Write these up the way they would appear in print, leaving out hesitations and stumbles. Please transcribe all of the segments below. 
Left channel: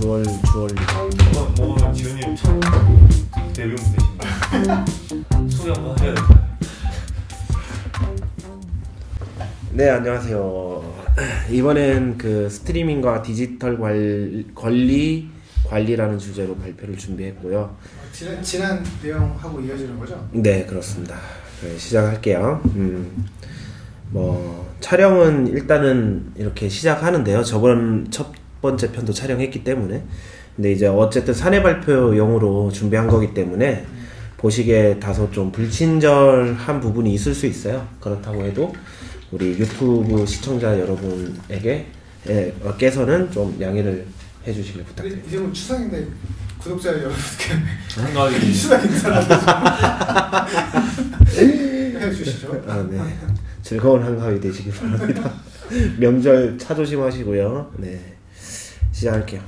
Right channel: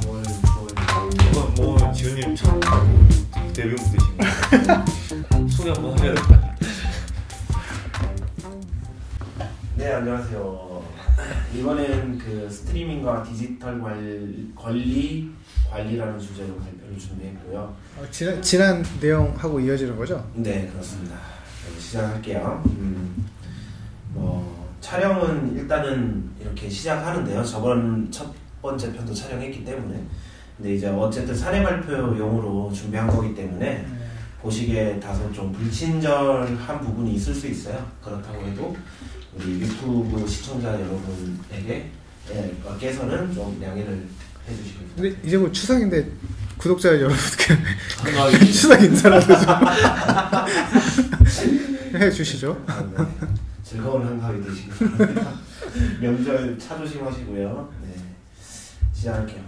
주얼리. 뭐 지훈님 첫 데뷔 무대신가요? 소개 한번 해야 될 것 같아요. 네, 안녕하세요. 이번엔 그 스트리밍과 디지털 관리라는 주제로 발표를 준비했고요. 지난 내용하고 이어지는 거죠? 네, 그렇습니다. 네, 시작할게요. 뭐 촬영은 일단은 이렇게 시작하는데요. 저번 첫 번째 편도 촬영했기 때문에, 근데 이제 어쨌든 사내 발표용으로 준비한 거기 때문에 보시기에 다소 좀 불친절한 부분이 있을 수 있어요. 그렇다고 해도 우리 유튜브 시청자 여러분께서는 좀 양해를 해주시길 부탁드립니다. 이제 곧 추석인데 구독자 여러분께 한가위 추석 인사라도 좀 해주시죠. 아, 네. 즐거운 한가위 되시길 바랍니다. 명절 차 조심하시고요. 네, 시작할게요.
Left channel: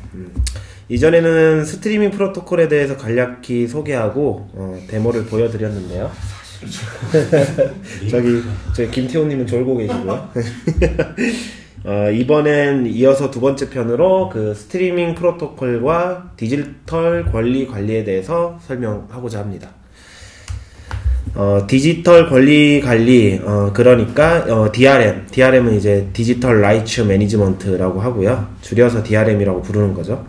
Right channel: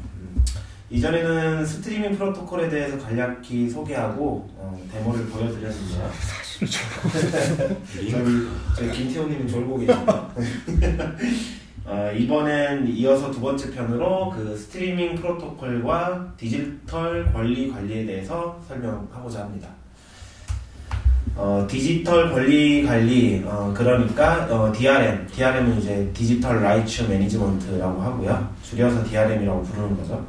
이전에는 스트리밍 프로토콜에 대해서 간략히 소개하고 데모를 보여드렸는데요. 저기 김태훈님은 졸고 계시고요. 이번엔 이어서 두 번째 편으로 그 스트리밍 프로토콜과 디지털 관리에 대해서 설명하고자 합니다. 디지털 관리, 그러니까 DRM은 이제 디지털 라이츠 매니지먼트라고 하고요. 줄여서 DRM이라고 부르는 거죠.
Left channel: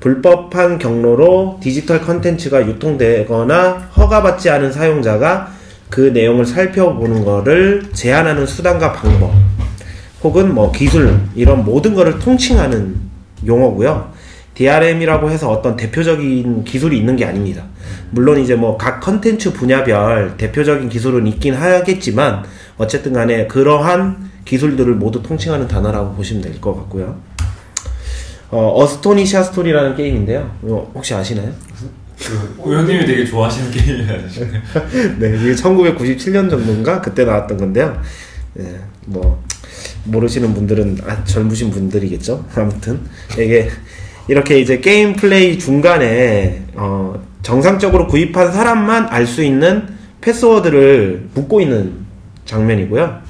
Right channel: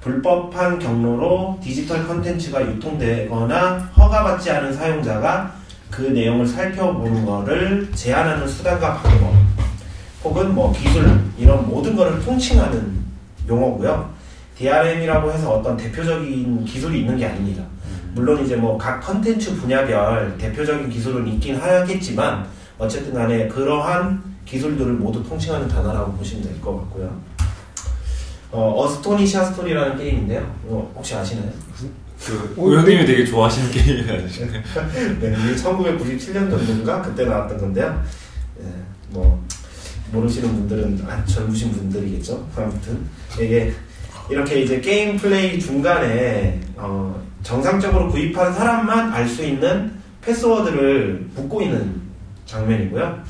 불법한 경로로 디지털 컨텐츠가 유통되거나 허가받지 않은 사용자가 그 내용을 살펴보는 거를 제한하는 수단과 방법, 혹은 뭐 기술, 이런 모든 거를 통칭하는 용어고요. DRM이라고 해서 어떤 대표적인 기술이 있는 게 아닙니다. 물론 이제 뭐 각 컨텐츠 분야별 대표적인 기술은 있긴 하겠지만 어쨌든 간에 그러한 기술들을 모두 통칭하는 단어라고 보시면 될 것 같고요. 어스토니샤 스토리라는 게임인데요. 혹시 아시나요? 의원님이 되게 좋아하시는 게임이 아니시네. 네, 이게 1997년 정도인가 그때 나왔던 건데요. 네, 뭐 모르시는 분들은 젊으신 분들이겠죠. 아무튼 이게 이렇게 이제 게임 플레이 중간에 정상적으로 구입한 사람만 알 수 있는 패스워드를 묻고 있는 장면이고요.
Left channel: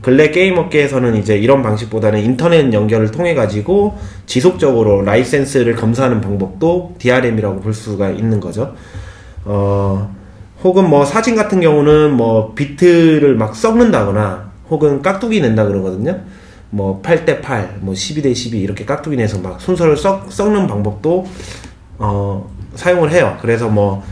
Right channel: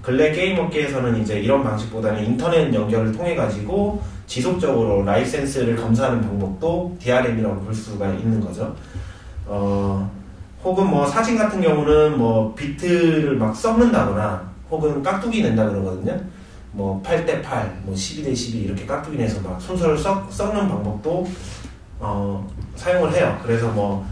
근래 게임 업계에서는 이제 이런 방식보다는 인터넷 연결을 통해 가지고 지속적으로 라이센스를 검사하는 방법도 DRM이라고 볼 수가 있는 거죠. 혹은 뭐 사진 같은 경우는 뭐 비트를 막 섞는다거나 혹은 깍두기 낸다 그러거든요. 뭐 8:8, 뭐 12:12 이렇게 깍두기 내서 막 순서를 섞는 방법도 사용을 해요. 그래서 뭐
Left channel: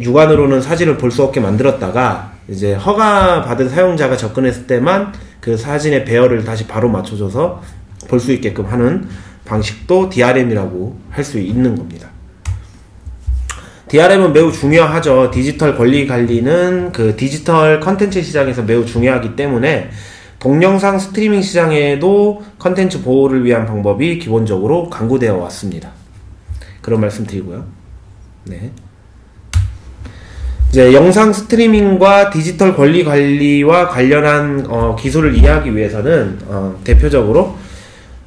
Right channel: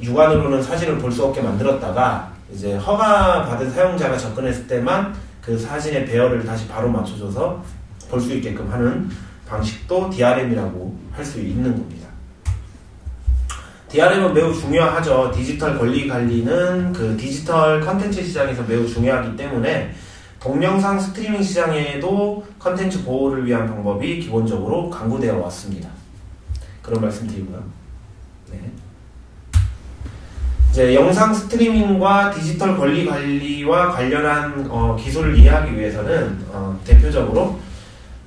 육안으로는 사진을 볼 수 없게 만들었다가 이제 허가 받은 사용자가 접근했을 때만 그 사진의 배열을 다시 바로 맞춰줘서 볼 수 있게끔 하는 방식도 DRM이라고 할 수 있는 겁니다. DRM은 매우 중요하죠. 디지털 관리는 그 디지털 컨텐츠 시장에서 매우 중요하기 때문에 동영상 스트리밍 시장에도 컨텐츠 보호를 위한 방법이 기본적으로 강구되어 왔습니다. 그런 말씀 드리고요. 네. 이제 영상 스트리밍과 디지털 관리와 관련한 기술을 이해하기 위해서는 대표적으로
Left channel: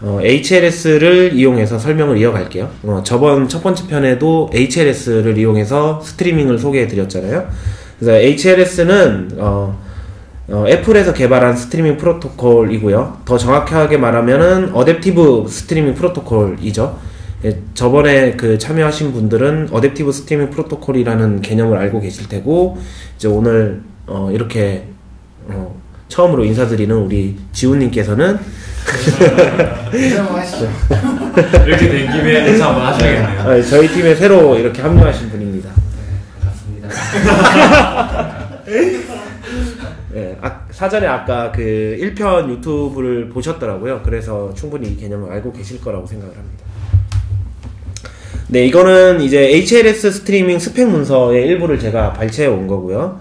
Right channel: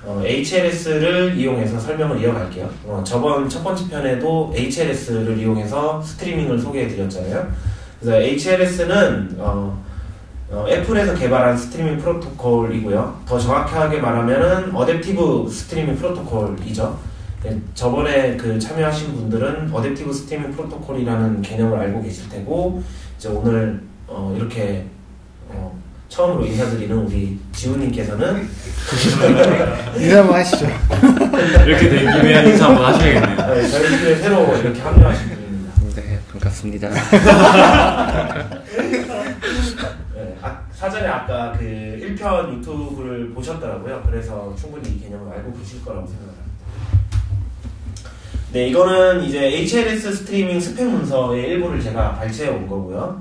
HLS를 이용해서 설명을 이어갈게요. 저번 첫 번째 편에도 HLS를 이용해서 스트리밍을 소개해 드렸잖아요. 그래서 HLS는 애플에서 개발한 스트리밍 프로토콜이고요. 더 정확하게 말하면은 어댑티브 스트리밍 프로토콜이죠. 저번에 그 참여하신 분들은 어댑티브 스트리밍 프로토콜이라는 개념을 알고 계실 테고, 이제 오늘 이렇게 처음으로 인사드리는 우리 지훈님께서는 인사 한번 하시죠. 이렇게 된 김에 인사 한번 하셔야겠네요. 저희 팀에 새로 이렇게 합류하신 분입니다. 네, 반갑습니다. 네, 사전에 아까 그 1편 유튜브를 보셨더라고요. 그래서 충분히 이 개념을 알고 계실 거라고 생각을 합니다. 네, 이거는 이제 HLS 스트리밍 스펙 문서의 일부를 제가 발췌해 온 거고요.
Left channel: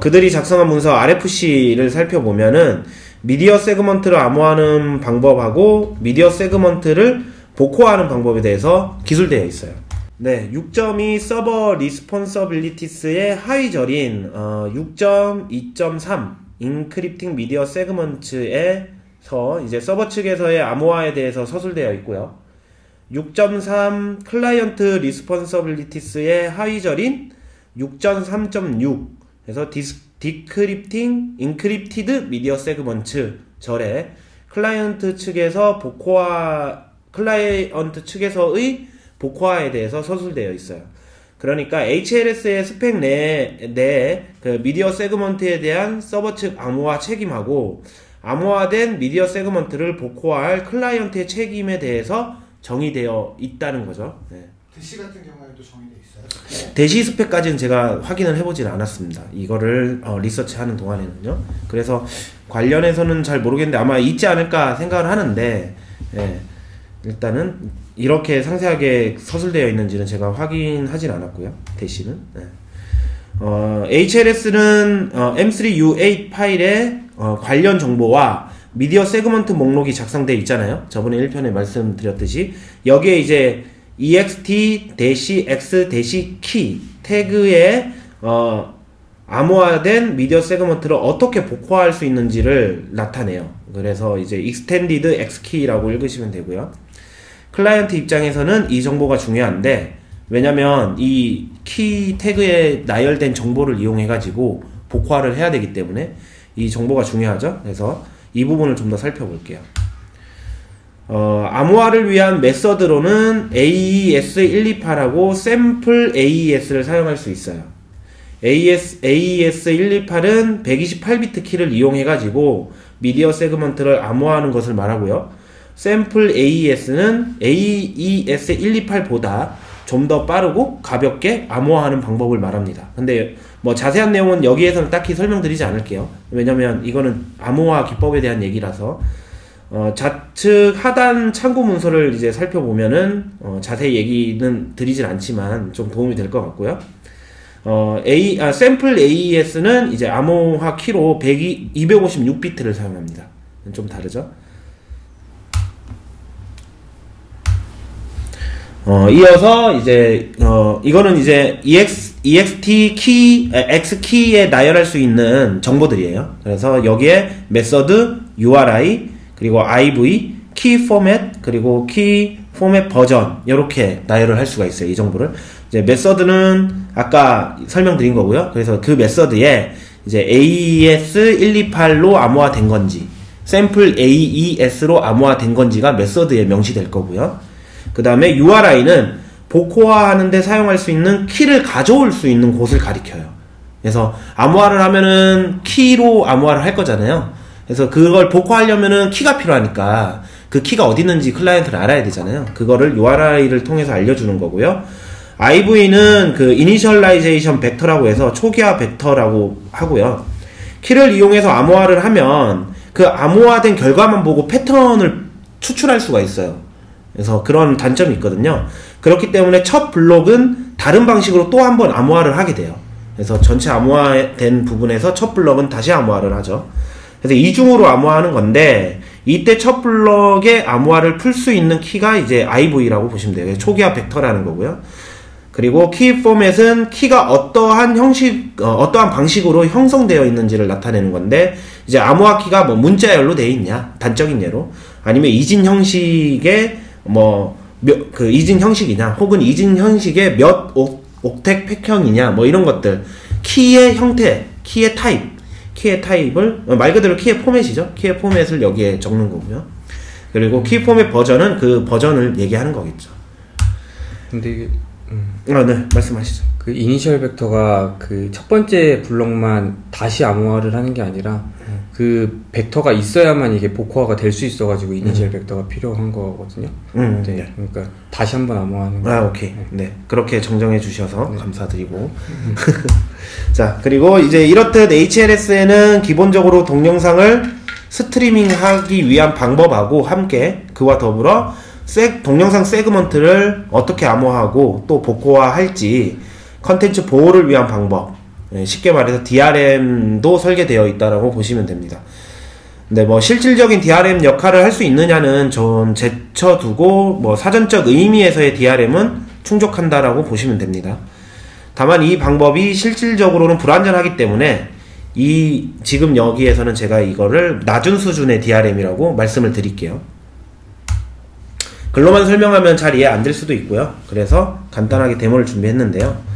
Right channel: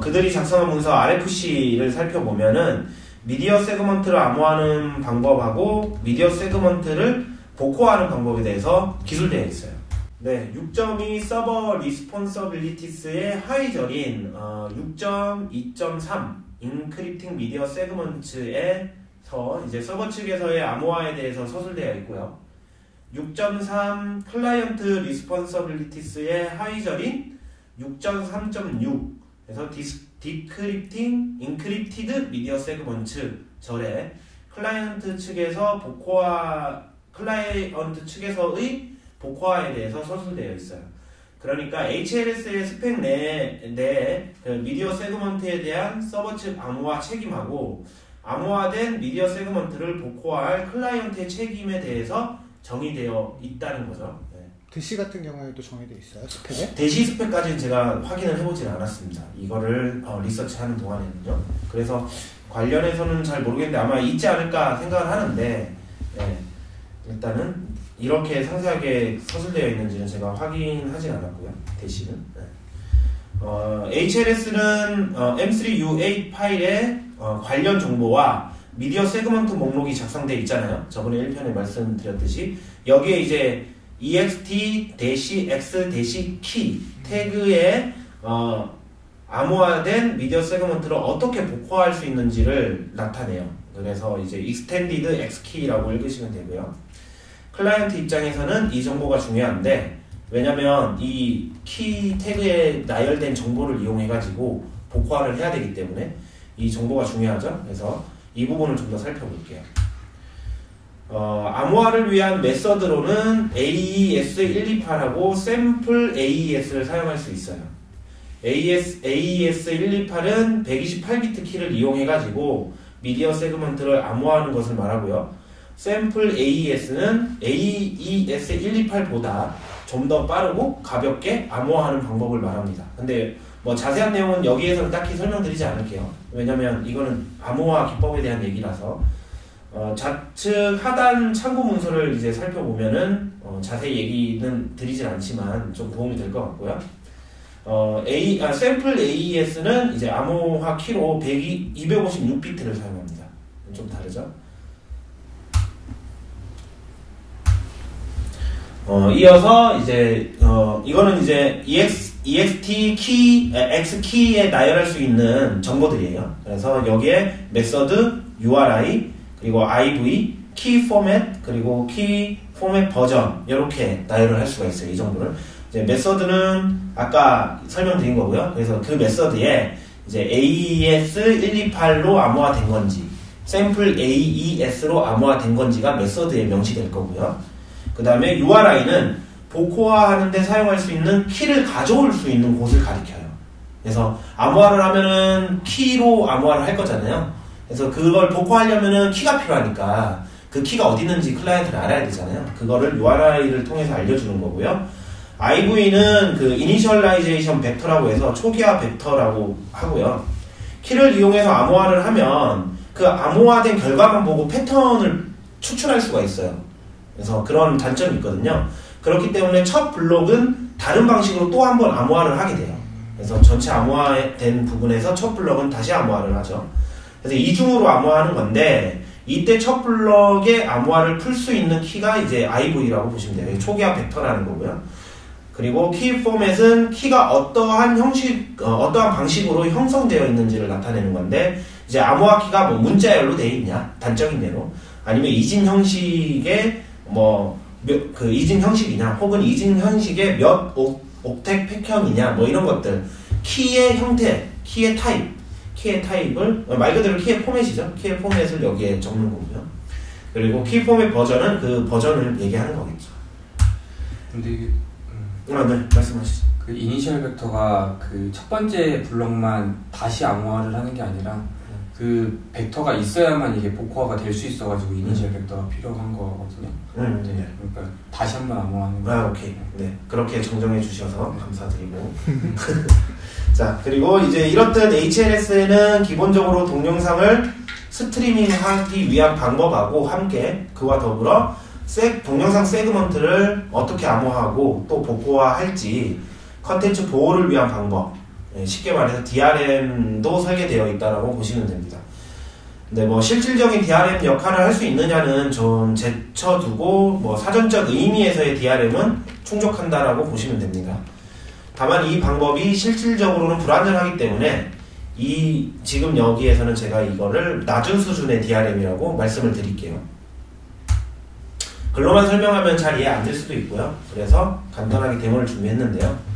그들이 작성한 문서 RFC를 살펴보면은 미디어 세그먼트를 암호화하는 방법하고 미디어 세그먼트를 복호하는 방법에 대해서 기술되어 있어요. 네, 6.2 서버 리스폰서빌리티스의 하위절인 6.2.3 인크립팅 미디어 세그먼트에서 이제 서버 측에서의 암호화에 대해서 서술되어 있고요. 6.3 클라이언트 리스폰서빌리티스의 하위절인 6.3.6에서 디크립팅 인크립티드 미디어 세그먼트 절에 클라이언트 측에서 복호화 클라이언트 측에서의 복화에 대해서 서술되어 있어요. 그러니까 HLS의 스펙 내에 그 미디어 세그먼트에 대한 서버 측 암호화 책임하고 암호화된 미디어 세그먼트를 복호할 클라이언트의 책임에 대해서 정의되어 있다는 거죠. 네. 대시 같은 경우에도 정의되어 있어요? 스펙에? 대시 스펙까지는 제가 확인을 해보진 않았습니다. 이거를 리서치하는 동안에는요. 그래서 관련해서는 잘 모르겠는데 아마 있지 않을까 생각을 하는데 네. 일단은 이렇게 상세하게 서술되어 있는지는 제가 확인하진 않았고요. 대시는 네. HLS는 M3U8 파일에 관련 정보와 미디어 세그먼트 목록이 작성되어 있잖아요. 저번에 1편에 말씀드렸듯이 여기에 이제 ext-x-key 태그에 암호화된 미디어 세그먼트를 어떻게 복호할 수 있는지를 나타내요. 그래서 이제 extended xkey라고 읽으시면 되고요. 클라이언트 입장에서는 이 정보가 중요한데 왜냐면 이 키 태그에 나열된 정보를 이용해 가지고 복화를 해야 되기 때문에 이 정보가 중요하죠. 그래서 이 부분을 좀 더 살펴볼게요. 암호화를 위한 메서드로는 AES128하고 샘플 AES를 사용할 수 있어요. AES128은 128비트 키를 이용해 가지고 미디어 세그먼트를 암호화하는 것을 말하고요. 샘플 AES는 AES128보다 좀 더 빠르고 가볍게 암호화하는 방법을 말합니다. 근데 뭐 자세한 내용은 여기에서는 딱히 설명드리지 않을게요. 왜냐면 이거는 암호화 기법에 대한 얘기라서 좌측 하단 참고 문서를 이제 살펴보면은 자세히 얘기는 드리진 않지만 좀 도움이 될 것 같고요. 샘플 AES는 이제 암호화 키로 256비트를 사용합니다. 좀 다르죠? 이어서 이제 이거는 이제 ext 키, x 키에 나열할 수 있는 정보들이에요. 그래서 여기에 메서드, URI, 그리고 IV, 키 포맷, 그리고 키 포맷 버전 이렇게 나열을 할 수가 있어요. 이 정보를. 이제 메서드는 아까 설명드린 거고요. 그래서 그 메서드에 이제 AES128로 암호화된 건지, 샘플 AES로 암호화된 건지가 메서드에 명시될 거고요. 그 다음에 URI는 복호화하는데 사용할 수 있는 키를 가져올 수 있는 곳을 가리켜요. 그래서 암호화를 하면은 키로 암호화를 할 거잖아요. 그래서 그걸 복호하려면은 키가 필요하니까 그 키가 어디 있는지 클라이언트를 알아야 되잖아요. 그거를 URI를 통해서 알려주는 거고요. IV는 그 이니셜라이제이션 벡터라고 해서 초기화 벡터라고 하고요. 키를 이용해서 암호화를 하면 그 암호화된 결과만 보고 패턴을 추출할 수가 있어요. 그래서 그런 단점이 있거든요. 그렇기 때문에 첫 블록은 다른 방식으로 또 한 번 암호화를 하게 돼요. 그래서 전체 암호화된 부분에서 첫 블록은 다시 암호화를 하죠. 그래서 이중으로 암호화하는 건데 이때 첫 블록의 암호화를 풀 수 있는 키가 이제 IV라고 보시면 돼요. 초기화 벡터라는 거고요. 그리고 키 포맷은 키가 어떠한 어떠한 방식으로 형성되어 있는지를 나타내는 건데 이제 암호화 키가 뭐 문자열로 되어 있냐, 단적인 예로 아니면 이진 형식의 그 이진 형식이냐, 혹은 이진 형식의 몇 옥택 팩형이냐, 뭐 이런 것들, 키의 형태, 키의 타입을 말 그대로 키의 포맷이죠. 키의 포맷을 여기에 적는 거고요. 그리고 키 포맷 버전은 그 버전을 얘기하는 거겠죠. 근데 이게 네, 말씀하시죠. 그 이니셜 벡터가 그 첫 번째 블록만 다시 암호화를 하는 게 아니라 그 벡터가 있어야만 이게 복호화가 될 수 있어가지고 이니셜 벡터가 필요한 거거든요. 네, 네. 그러니까 다시 한번 암호화하는 거. 오케이. 네. 그렇게 정정해 주셔서 감사드리고. 자, 그리고 이제 이렇듯 HLS에는 기본적으로 동영상을 스트리밍하기 위한 방법하고 함께 그와 더불어 동영상 세그먼트를 어떻게 암호화하고 또 복호화할지 컨텐츠 보호를 위한 방법, 쉽게 말해서 DRM도 설계되어 있다라고 보시면 됩니다. 근데 뭐 실질적인 DRM 역할을 할 수 있느냐는 좀 제쳐두고 뭐 사전적 의미에서의 DRM은 충족한다라고 보시면 됩니다. 다만 이 방법이 실질적으로는 불완전하기 때문에 지금 여기에서는 제가 이거를 낮은 수준의 DRM이라고 말씀을 드릴게요. 글로만 설명하면 잘 이해 안 될 수도 있고요. 그래서 간단하게 데모를 준비했는데요.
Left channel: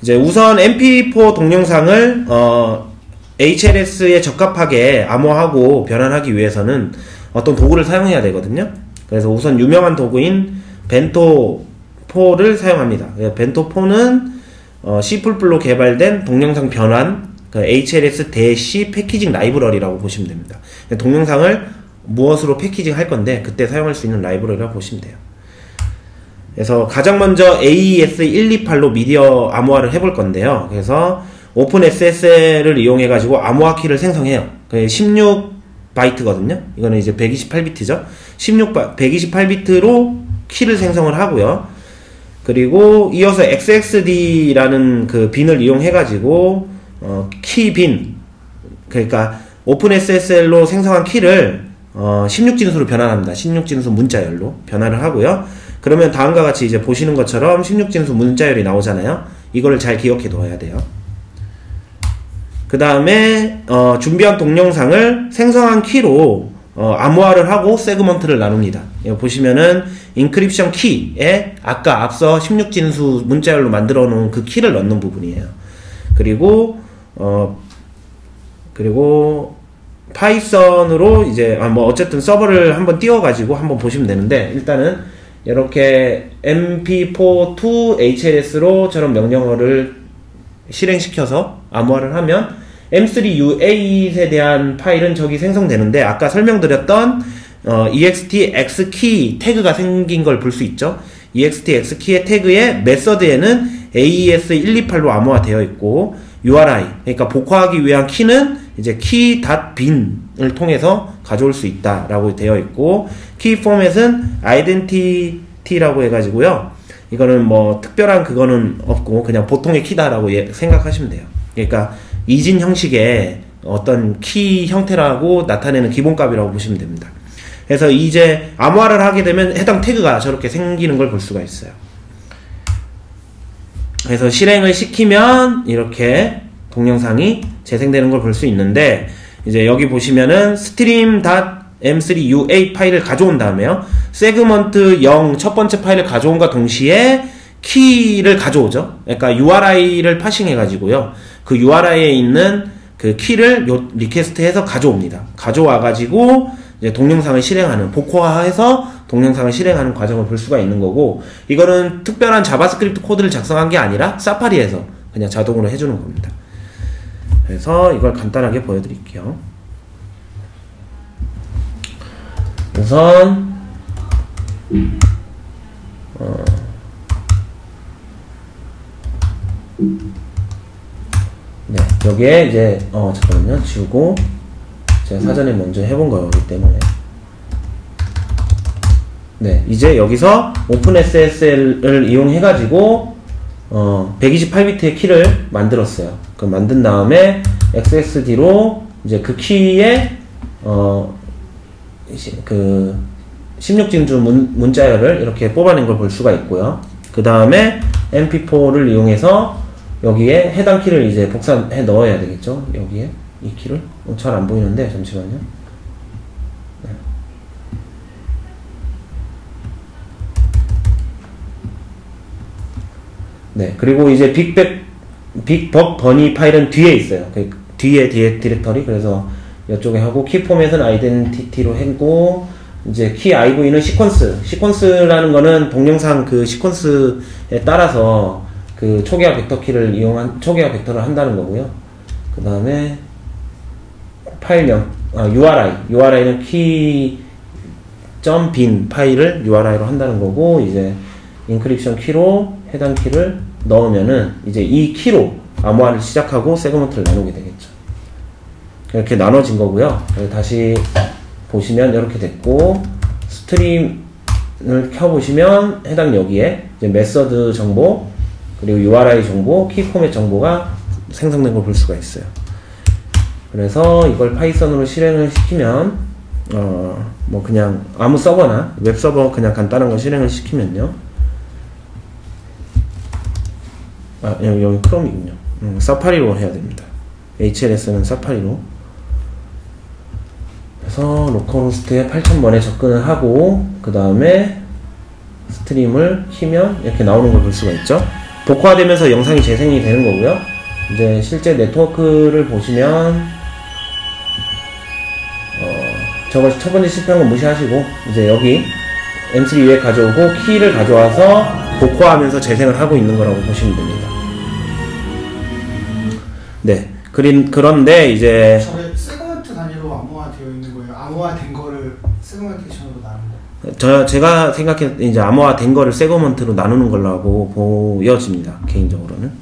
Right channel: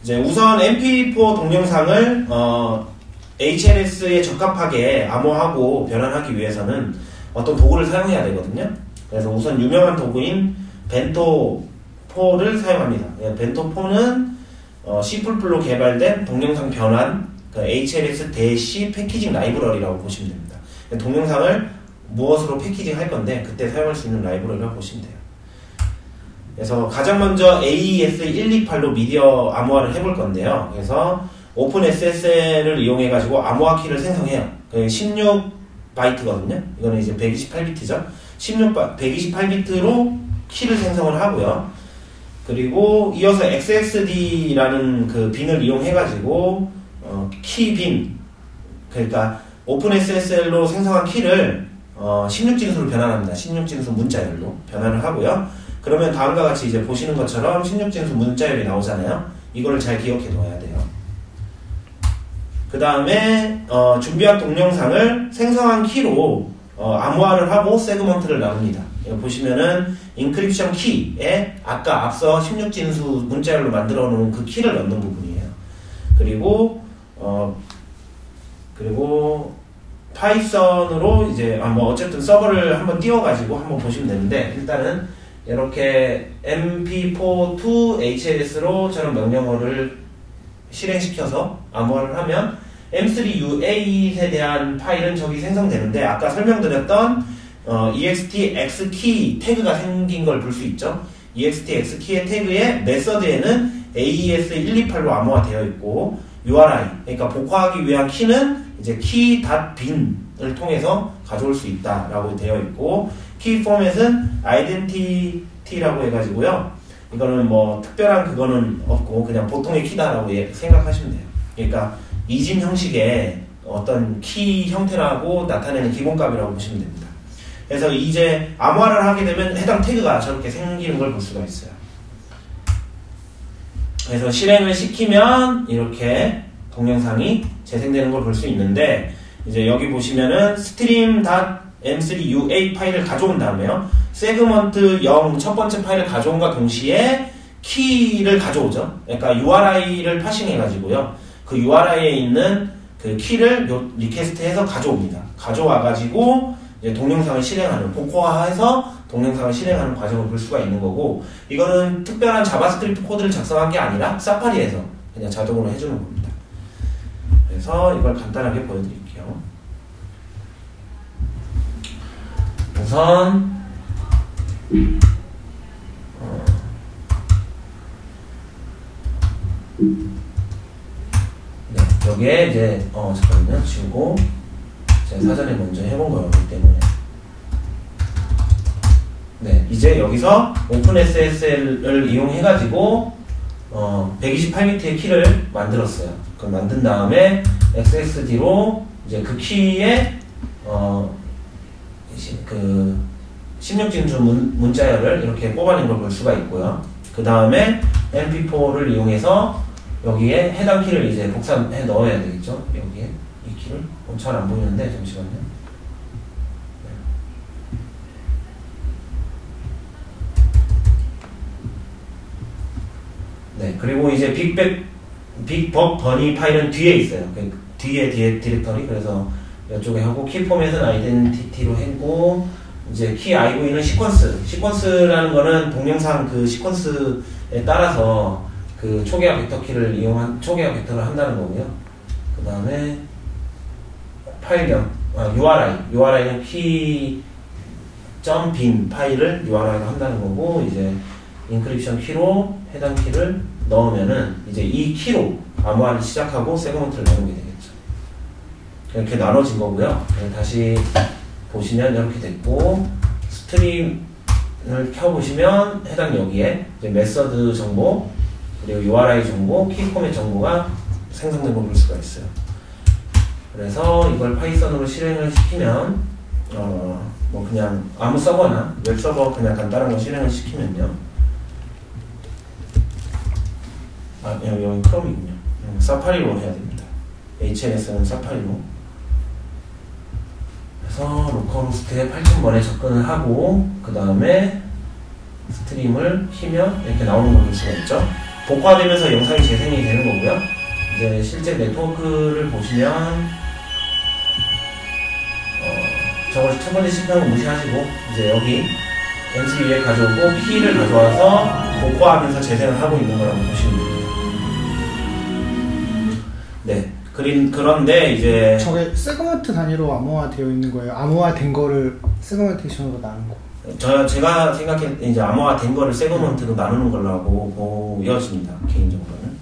이제 우선 MP4 동영상을 HLS에 적합하게 암호하고 변환하기 위해서는 어떤 도구를 사용해야 되거든요. 그래서 우선 유명한 도구인 벤토4를 사용합니다. 벤토4는 C++로 개발된 동영상 변환, HLS 대시 패키징 라이브러리라고 보시면 됩니다. 동영상을 무엇으로 패키징 할 건데 그때 사용할 수 있는 라이브러리라고 보시면 돼요. 그래서 가장 먼저 AES128로 미디어 암호화를 해볼 건데요. 그래서 오픈SSL을 이용해 가지고 암호화 키를 생성해요. 16바이트거든요. 이거는 이제 128비트죠. 128비트로 키를 생성을 하고요. 그리고 이어서 XXD라는 그 빈을 이용해 가지고 키 빈, 그러니까 오픈SSL로 생성한 키를 16진수로 변환합니다. 16진수 문자열로 변환을 하고요. 그러면 다음과 같이 이제 보시는 것처럼 16진수 문자열이 나오잖아요. 이거를 잘 기억해 둬야 돼요. 그 다음에 준비한 동영상을 생성한 키로 암호화를 하고 세그먼트를 나눕니다. 여기 보시면은 인크립션 키에 아까 앞서 16진수 문자열로 만들어 놓은 그 키를 넣는 부분이에요. 그리고 파이썬으로 이제 어쨌든 서버를 한번 띄워가지고 한번 보시면 되는데, 일단은 이렇게 mp4 to hs로 저런 명령어를 실행시켜서 암호화를 하면 m3u8에 대한 파일은 저기 생성되는데, 아까 설명드렸던 ext xkey 태그가 생긴 걸 볼 수 있죠. ext xkey의 태그에 메서드에는 AES128로 암호화 되어 있고, URI, 그러니까 복화하기 위한 키는 이제 key.bin을 통해서 가져올 수 있다라고 되어 있고, 키 포맷은 identity라고 해가지고요. 이거는 뭐 특별한 그거는 없고 그냥 보통의 키다라고 생각하시면 돼요. 그러니까 이진 형식의 어떤 키 형태라고 나타내는 기본값이라고 보시면 됩니다. 그래서 이제 암호화를 하게 되면 해당 태그가 저렇게 생기는 걸 볼 수가 있어요. 그래서 실행을 시키면 이렇게 동영상이 재생되는 걸 볼 수 있는데, 이제 여기 보시면은 stream.m3u8 파일을 가져온 다음에요, 세그먼트 0 첫 번째 파일을 가져온과 동시에 키를 가져오죠. 그러니까 URI를 파싱해 가지고요, 그 URI에 있는 그 키를 요 리퀘스트해서 가져옵니다. 가져와 가지고 이제 동영상을 실행하는, 복호화해서 동영상을 실행하는 과정을 볼 수가 있는 거고, 이거는 특별한 자바스크립트 코드를 작성한 게 아니라 사파리에서 그냥 자동으로 해주는 겁니다. 그래서 이걸 간단하게 보여드릴게요. 우선 네, 여기에 이제 잠깐만요, 지우고 제가 사전에 먼저 해본 거였기 때문에, 네, 이제 여기서 오픈SSL을 이용해가지고 128비트의 키를 만들었어요. 그 만든 다음에 XXD로 이제 그 키에 그 16진수 문자열을 이렇게 뽑아낸 걸 볼 수가 있고요. 그 다음에 mp4를 이용해서 여기에 해당 키를 이제 복사해 넣어야 되겠죠. 여기에 이 키를 잘 안 보이는데 잠시만요. 네, 그리고 이제 빅벅 버니 파일은 뒤에 있어요. 그 뒤에 디렉터리. 그래서 이쪽에 하고, 키 포맷은 아이덴티티로 했고, 이제 키 IV는 시퀀스라는 거는 동영상 그 시퀀스에 따라서 그 초기화 벡터 키를 이용한 초기화 벡터를 한다는 거고요. 그 다음에 파일명 URI는 key.bin 파일을 URI로 한다는 거고, 이제 인크립션 키로 해당 키를 넣으면은 이제 이 키로 암호화를 시작하고 세그먼트를 나누게 되겠죠. 이렇게 나눠진 거고요. 다시 보시면 이렇게 됐고, 스트림을 켜보시면 해당 여기에 이제 메서드 정보, 그리고 URI 정보, 키 포맷 정보가 생성된 걸 볼 수가 있어요. 그래서 이걸 파이썬으로 실행을 시키면 뭐 그냥 아무 서버나 웹 서버 그냥 간단한 거 실행을 시키면요, 여기 크롬이군요. 사파리로 해야 됩니다. HLS는 사파리로. 그래서 로컬호스트에 8000번에 접근을 하고, 그 다음에 스트림을 키면 이렇게 나오는 걸 볼 수가 있죠. 복화되면서 영상이 재생이 되는 거고요. 이제 실제 네트워크를 보시면 저걸 첫 번째 실패한 건 무시하시고, 이제 여기 M3 가져오고 키를 가져와서 복호하면서 재생을 하고 있는 거라고 보시면 됩니다. 네. 그런데 이제 저게 세그먼트 단위로 암호화 되어 있는 거예요? 암호화 된 거를 세그멘테이션으로 나눈 거? 제가 생각해 이제 암호화 된 거를 세그먼트로 나누는 걸로 보여집니다. 개인적으로는.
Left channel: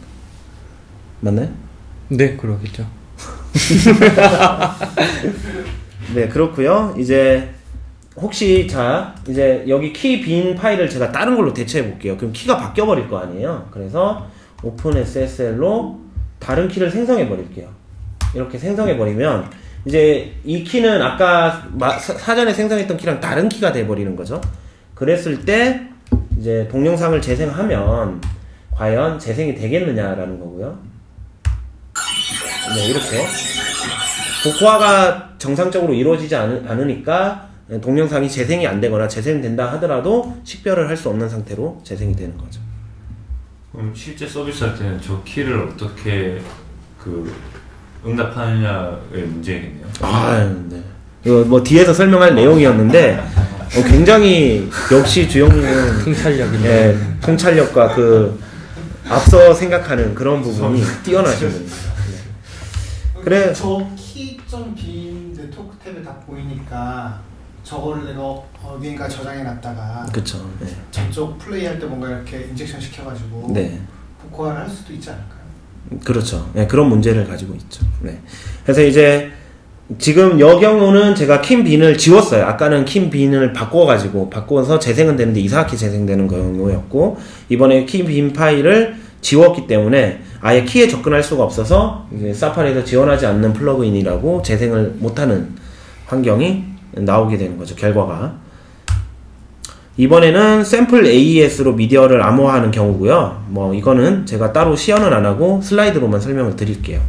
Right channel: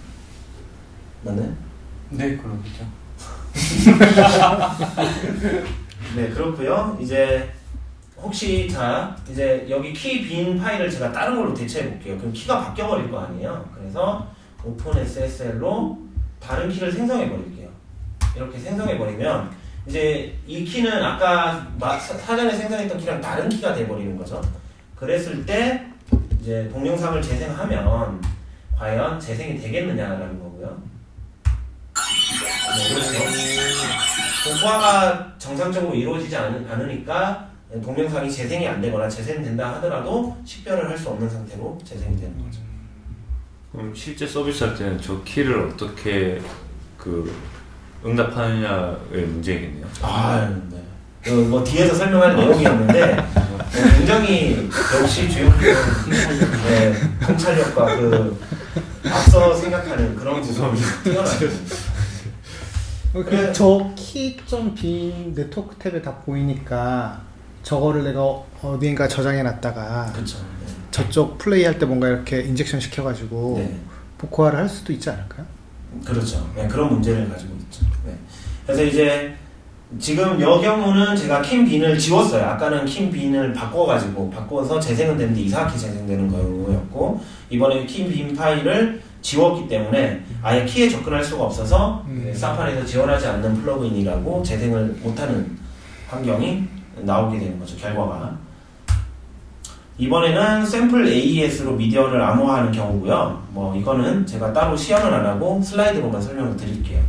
맞나요? 네, 그러겠죠. 네, 그렇고요. 이제 혹시 이제 여기 키 빈 파일을 제가 다른 걸로 대체해 볼게요. 그럼 키가 바뀌어 버릴 거 아니에요. 그래서 오픈SSL로 다른 키를 생성해 버릴게요. 이렇게 생성해 버리면 이제 이 키는 아까 사전에 생성했던 키랑 다른 키가 돼 버리는 거죠. 그랬을 때 이제 동영상을 재생하면 과연 재생이 되겠느냐라는 거고요. 네, 이렇게 복호화가 정상적으로 이루어지지 않으니까 동영상이 재생이 안 되거나 재생된다 하더라도 식별을 할 수 없는 상태로 재생이 되는 거죠. 그럼 실제 서비스 할 때는 저 키를 어떻게 응답하느냐의 문제겠네요. 네. 이거 뭐 뒤에서 설명할 내용이었는데 굉장히 역시 주영님은 통찰력과 앞서 생각하는 그런 부분이 뛰어나십니다. 그래 저 키 좀 빈 네트워크 탭에 다 보이니까 저거를 내가 어디인가 저장해 놨다가 그쵸. 네. 저쪽 플레이 할 때 뭔가 이렇게 인젝션 시켜가지고 네. 복호화를 할 수도 있지 않을까요? 그렇죠. 네, 그런 문제를 가지고 있죠. 네. 그래서 이제 지금 여 경우는 제가 킴빈을 지웠어요. 아까는 킴빈을 바꿔서 재생은 되는데 이상하게 재생되는 경우였고, 이번에 킴빈 파일을 지웠기 때문에 아예 키에 접근할 수가 없어서 사파리에서 지원하지 않는 플러그인이라고 재생을 못하는 환경이 나오게 되는 거죠. 결과가. 이번에는 샘플 AES로 미디어를 암호화하는 경우고요. 뭐 이거는 제가 따로 시연은 안 하고 슬라이드로만 설명을 드릴게요.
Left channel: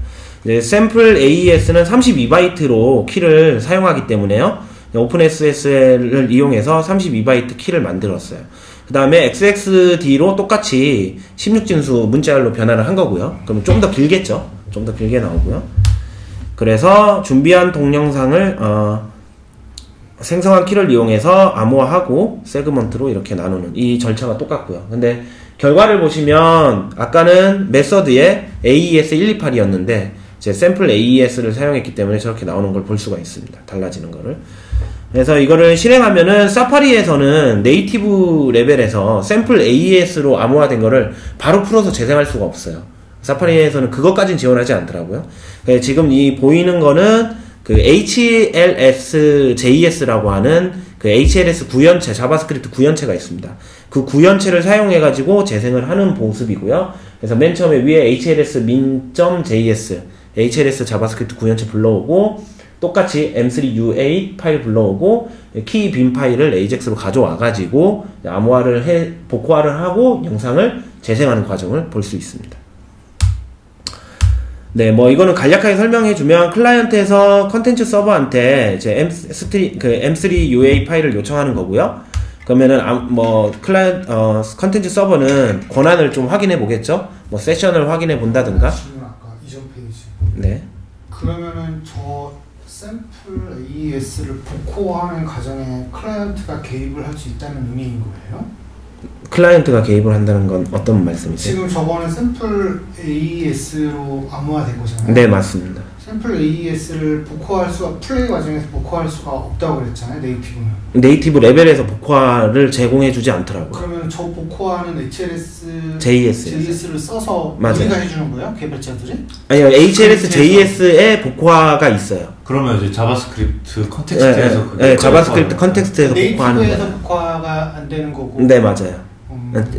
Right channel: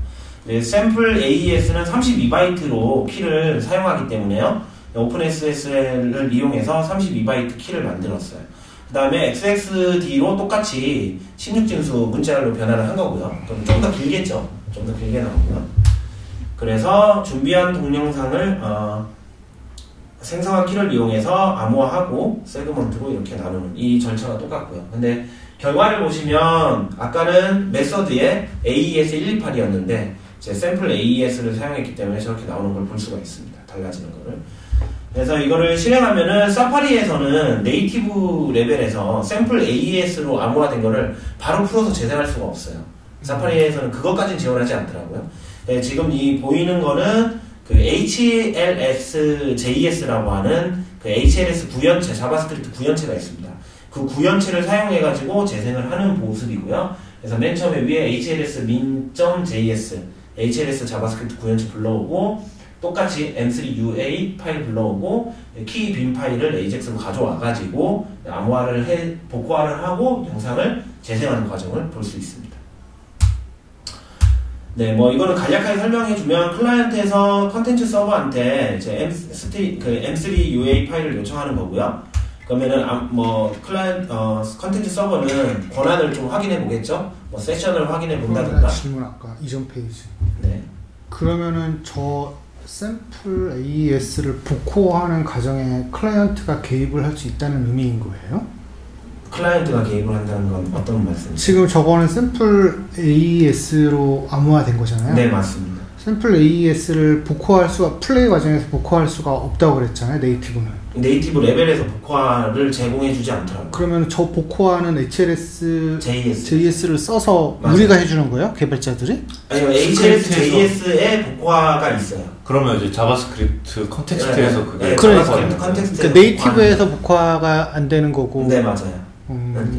이제 샘플 AES는 32바이트로 키를 사용하기 때문에요. 오픈SSL을 이용해서 32바이트 키를 만들었어요. 그 다음에 XXD로 똑같이 16진수 문자열로 변화를 한 거고요. 그럼 좀 더 길겠죠? 좀 더 길게 나오고요. 그래서 준비한 동영상을 생성한 키를 이용해서 암호화하고 세그먼트로 이렇게 나누는 이 절차가 똑같고요. 근데 결과를 보시면 아까는 메서드에 AES128이었는데 이제 샘플 AES를 사용했기 때문에 저렇게 나오는 걸 볼 수가 있습니다. 달라지는 거를. 그래서 이거를 실행하면은 사파리에서는 네이티브 레벨에서 샘플 AES로 암호화된 거를 바로 풀어서 재생할 수가 없어요. 사파리에서는 그것까지는 지원하지 않더라고요. 지금 이 보이는 거는 HLS JS라고 하는 HLS 구현체, 자바스크립트 구현체가 있습니다. 그 구현체를 사용해가지고 재생을 하는 모습이고요. 그래서 맨 처음에 위에 HLS min.js, HLS 자바스크립트 구현체 불러오고, 똑같이 M3UA 파일 불러오고 키 빈 파일을 AJAX로 가져와가지고 복호화를 하고 영상을 재생하는 과정을 볼 수 있습니다. 네, 뭐 이거는 간략하게 설명해주면 클라이언트에서 컨텐츠 서버한테 이제 M3UA 파일을 요청하는 거고요. 그러면은 컨텐츠 서버는 권한을 좀 확인해 보겠죠. 뭐 세션을 확인해 본다든가. 질문 아까 이전 페이지. 네. 그러면은 저 샘플 AES를 복호하는 과정에 클라이언트가 개입을 할 수 있다는 의미인 거예요? 클라이언트가 개입을 한다는 건 어떤 말씀이세요? 지금 저거는 샘플 AES로 암호화된 거잖아요? 네, 맞습니다. 샘플 AES를 플레이 과정에서 복호할 수가 없다고 그랬잖아요, 네이티브는. 네이티브 레벨에서 복호화를 제공해주지 않더라고요. 그러면 저 복호화는 HLS JS를 써서 맞아요. 우리가 해주는 거예요? 개발자들이? 아니요, HLS JS에 복호화가 있어요. 그러면 이제 자바스크립트 컨텍스트에서 그게 자바스크립트 컨텍스트에서 네이티브에서 복호화가 안 되는 거고. 네, 맞아요.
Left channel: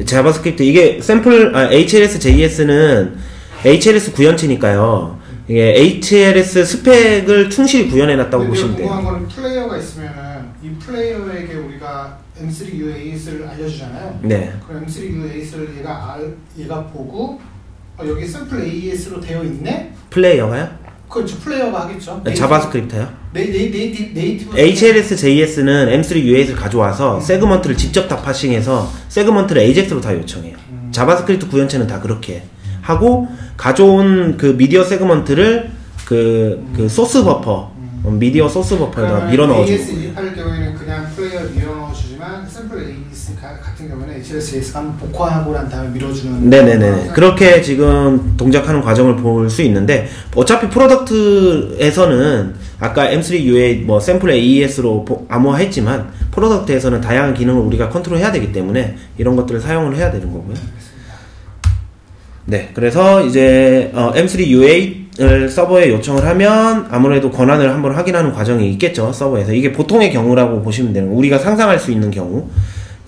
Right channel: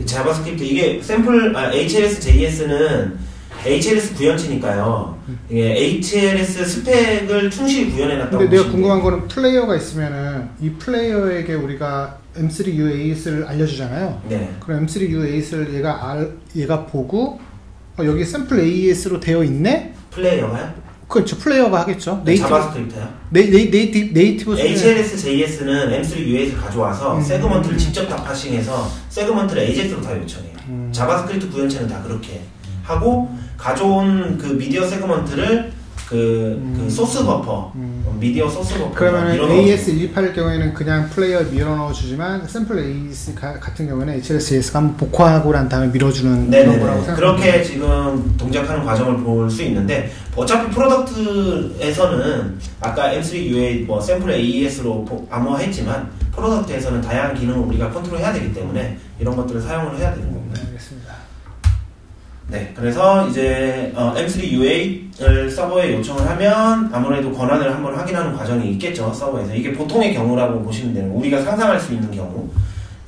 자바스크립트 이게 HLS JS는 HLS 구현체니까요. 이게 HLS 스펙을 충실히 구현해놨다고 보시면 돼요. 내가 궁금한 거는 플레이어가 있으면은 이 플레이어에게 우리가 M3UAS를 알려주잖아요. 네. 그럼 M3UAS를 얘가 보고 여기 샘플 AES로 되어 있네? 플레이어가요? 그렇죠. 플레이어가 하겠죠. 네, 자바스크립트요? 네이티브 HLS JS는 M3UAS를 가져와서 세그먼트를 직접 다 파싱해서 세그먼트를 AJAX로 다 요청해요. 자바스크립트 구현체는 다 그렇게 하고 가져온 그 미디어 세그먼트를 그 소스 버퍼, 미디어 소스 버퍼를 밀어넣어주고. AS128일 경우에는 그냥 플레이어를 밀어넣어주지만 샘플 AS 같은 경우에는 HLSAS가 한번 복화하고 난 다음에 밀어주는. 네네네. 그렇게 지금 동작하는 과정을 볼 수 있는데, 어차피 프로덕트에서는 아까 M3UA 뭐 샘플 AES로 암호화했지만 프로덕트에서는 다양한 기능을 우리가 컨트롤해야 되기 때문에 이런 것들을 사용을 해야 되는 거고요. 알겠습니다. 네, 그래서 이제 M3UA를 서버에 요청을 하면 아무래도 권한을 한번 확인하는 과정이 있겠죠, 서버에서. 이게 보통의 경우라고 보시면 되는 거예요. 우리가 상상할 수 있는 경우.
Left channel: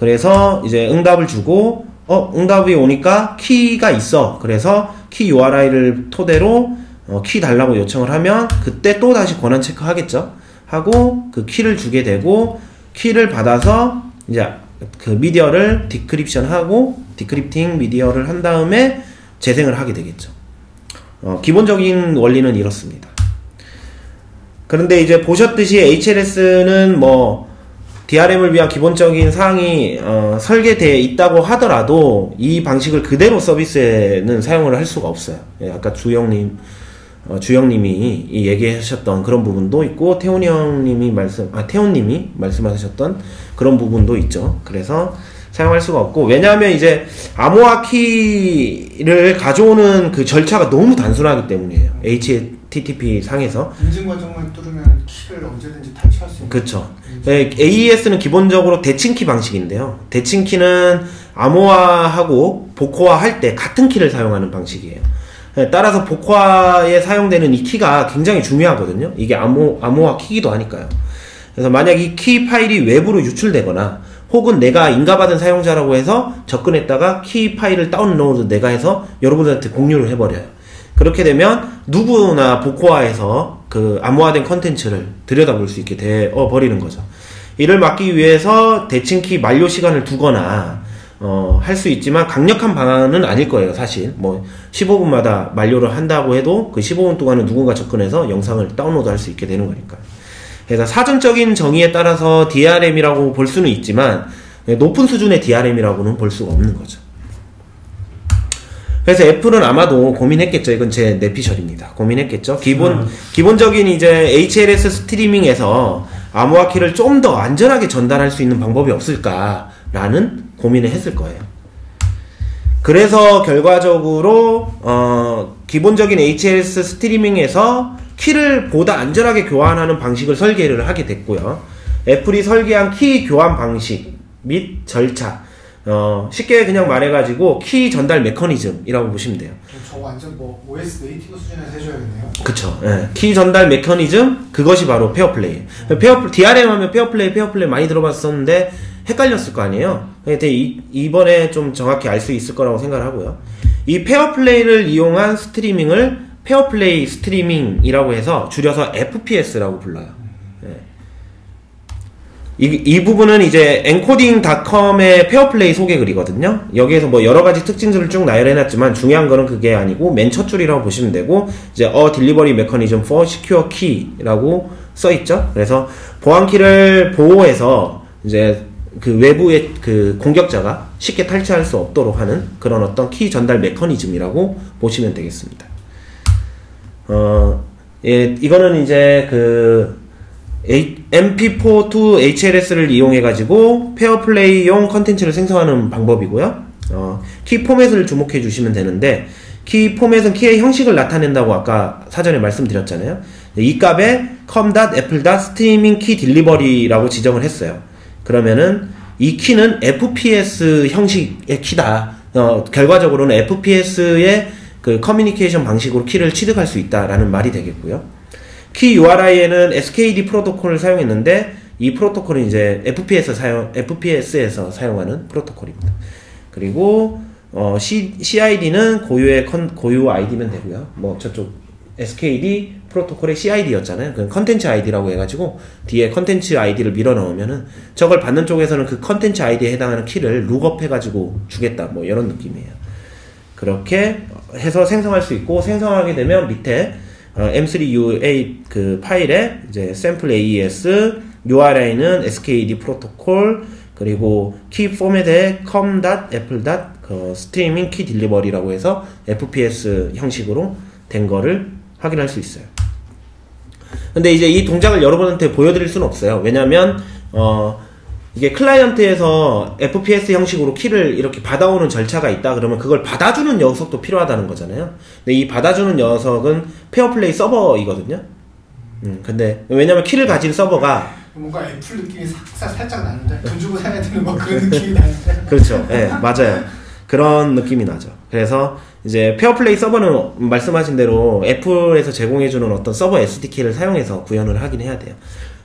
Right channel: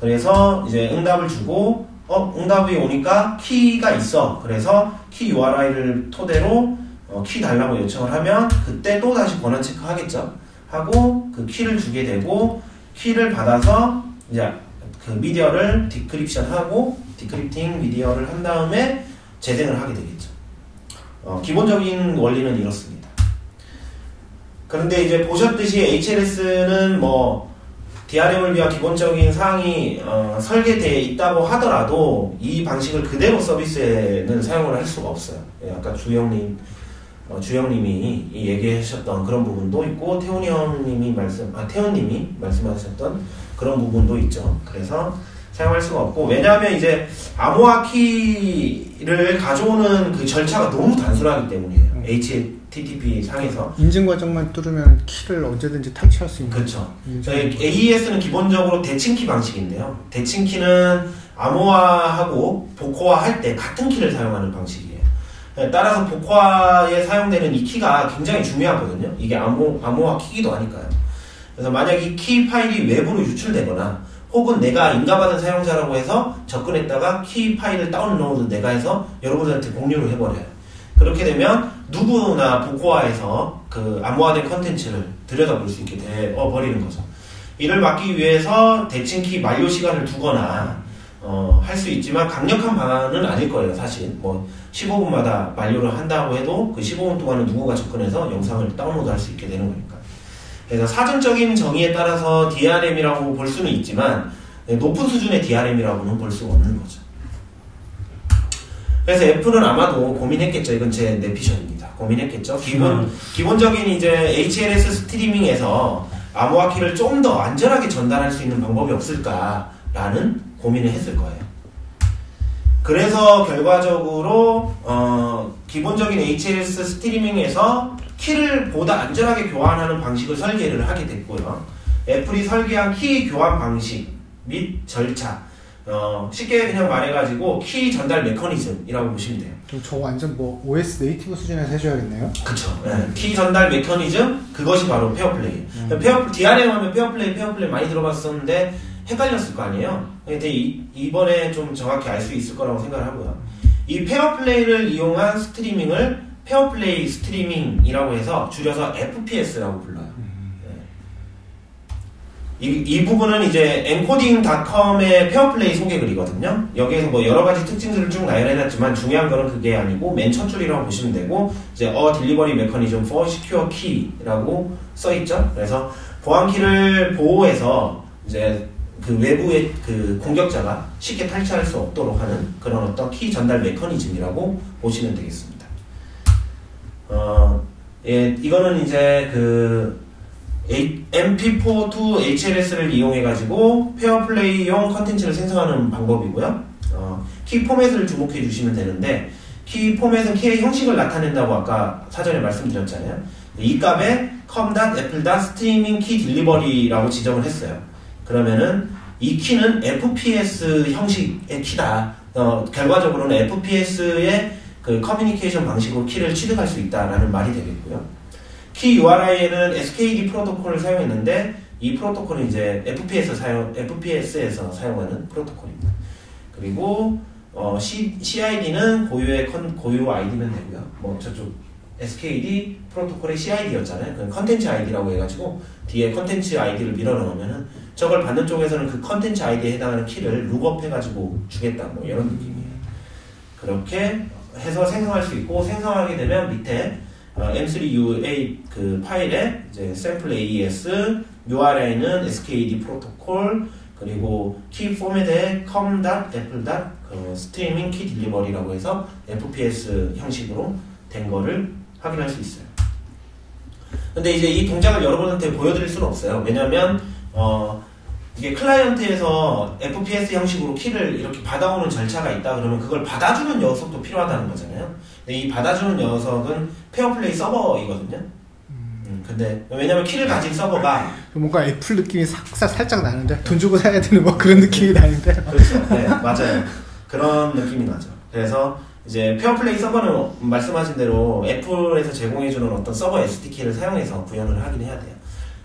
그래서 이제 응답을 주고 응답이 오니까 키가 있어. 그래서 키 URI를 토대로 키 달라고 요청을 하면 그때 또 다시 권한 체크하겠죠. 하고 그 키를 주게 되고, 키를 받아서 이제 그 미디어를 디크립팅 미디어를 한 다음에 재생을 하게 되겠죠. 기본적인 원리는 이렇습니다. 그런데 이제 보셨듯이 HLS는 뭐 DRM을 위한 기본적인 사항이 설계되어 있다고 하더라도 이 방식을 그대로 서비스에는 사용을 할 수가 없어요. 예, 아까 주영님이 얘기하셨던 그런 부분도 있고, 태훈님이 말씀하셨던 그런 부분도 있죠. 그래서 사용할 수가 없고, 왜냐하면 이제 암호화 키를 가져오는 그 절차가 너무 단순하기 때문이에요. HTTP 상에서 인증 과정만 뚫으면 키를 언제든지 탈취할 수 있는. 그렇죠. AES는 기본적으로 대칭키 방식인데요. 대칭키는 암호화하고 복호화 할 때 같은 키를 사용하는 방식이에요. 따라서 복화에 사용되는 이 키가 굉장히 중요하거든요. 이게 암호화 키기도 하니까요. 그래서 만약 이 키 파일이 외부로 유출되거나 혹은 내가 인가받은 사용자라고 해서 접근했다가 키 파일을 다운로드 내가 해서 여러분들한테 공유를 해버려요. 그렇게 되면 누구나 복호화해서 그 암호화된 컨텐츠를 들여다볼 수 있게 되어 버리는 거죠. 이를 막기 위해서 대칭키 만료 시간을 두거나 할 수 있지만 강력한 방안은 아닐 거예요, 사실. 뭐 15분마다 만료를 한다고 해도 그 15분 동안은 누군가 접근해서 영상을 다운로드 할 수 있게 되는 거니까. 그래서 사전적인 정의에 따라서 DRM이라고 볼 수는 있지만 높은 수준의 DRM이라고는 볼 수가 없는 거죠. 그래서 애플은 아마도 고민했겠죠. 이건 제 내피셜입니다. 고민했겠죠. 기본적인 이제 HLS 스트리밍에서 암호화 키를 좀 더 안전하게 전달할 수 있는 방법이 없을까라는 고민을 했을 거예요. 그래서 결과적으로 기본적인 HLS 스트리밍에서 키를 보다 안전하게 교환하는 방식을 설계를 하게 됐고요. 애플이 설계한 키 교환 방식 및 절차, 쉽게 그냥 말해가지고 키 전달 메커니즘이라고 보시면 돼요. 저거 완전 뭐 OS 네이티브 수준에서 해줘야겠네요. 그쵸. 예. 키 전달 메커니즘, 그것이 바로 페어플레이. DRM 하면 페어플레이 많이 들어봤었는데 헷갈렸을 거 아니에요. 근데 이번에 좀 정확히 알 수 있을 거라고 생각을 하고요. 이 페어플레이를 이용한 스트리밍을 페어플레이 스트리밍이라고 해서 줄여서 FPS라고 불러요. 이 부분은 이제 encoDing.com의 페어플레이 소개글이거든요. 여기에서 뭐 여러 가지 특징들을 쭉 나열해놨지만 중요한 거는 그게 아니고 맨 첫 줄이라고 보시면 되고, 이제 delivery mechanism for secure key라고 써있죠. 그래서 보안키를 보호해서 이제 그 외부의 그 공격자가 쉽게 탈취할 수 없도록 하는 그런 어떤 키 전달 메커니즘이라고 보시면 되겠습니다. 예, 이거는 이제 그 MP4 to HLS를 이용해가지고 페어플레이용 컨텐츠를 생성하는 방법이고요. 키 포맷을 주목해 주시면 되는데, 키 포맷은 키의 형식을 나타낸다고 아까 사전에 말씀드렸잖아요. 이 값에 com.apple.streaming.key.delivery라고 지정을 했어요. 그러면은 이 키는 FPS 형식의 키다. 결과적으로는 FPS의 그 커뮤니케이션 방식으로 키를 취득할 수 있다라는 말이 되겠고요. 키 URI에는 SKD 프로토콜을 사용했는데, 이 프로토콜은 이제 FPS에서 사용하는 프로토콜입니다. 그리고 CID는 고유 아이디면 되고요. 뭐 저쪽 SKD 프로토콜의 CID였잖아요. 그 컨텐츠 아이디라고 해가지고 뒤에 컨텐츠 아이디를 밀어 넣으면은 저걸 받는 쪽에서는 그 컨텐츠 아이디에 해당하는 키를 룩업 해가지고 주겠다, 뭐 이런 느낌이에요. 그렇게 해서 생성할 수 있고, 생성하게 되면 밑에 M3UA 그 파일에 이제 sample AES, URI는 SKD 프로토콜, 그리고 키 포맷에 com.apple.streaming key delivery라고 해서 FPS 형식으로 된 거를 확인할 수 있어요. 근데 이제 이 동작을 여러분한테 보여드릴 수는 없어요. 왜냐면 이게 클라이언트에서 FPS 형식으로 키를 이렇게 받아오는 절차가 있다 그러면 그걸 받아주는 녀석도 필요하다는 거잖아요. 근데 이 받아주는 녀석은 페어플레이 서버이거든요. 근데 왜냐면 키를 가진 서버가 뭔가 애플 느낌이 살짝 나는데 돈 주고 사야 되는 뭐 그런 느낌이 나는데. 그렇죠. 네, 맞아요. 그런 느낌이 나죠. 그래서 이제 페어플레이 서버는 말씀하신 대로 애플에서 제공해주는 어떤 서버 SDK를 사용해서 구현을 하긴 해야 돼요.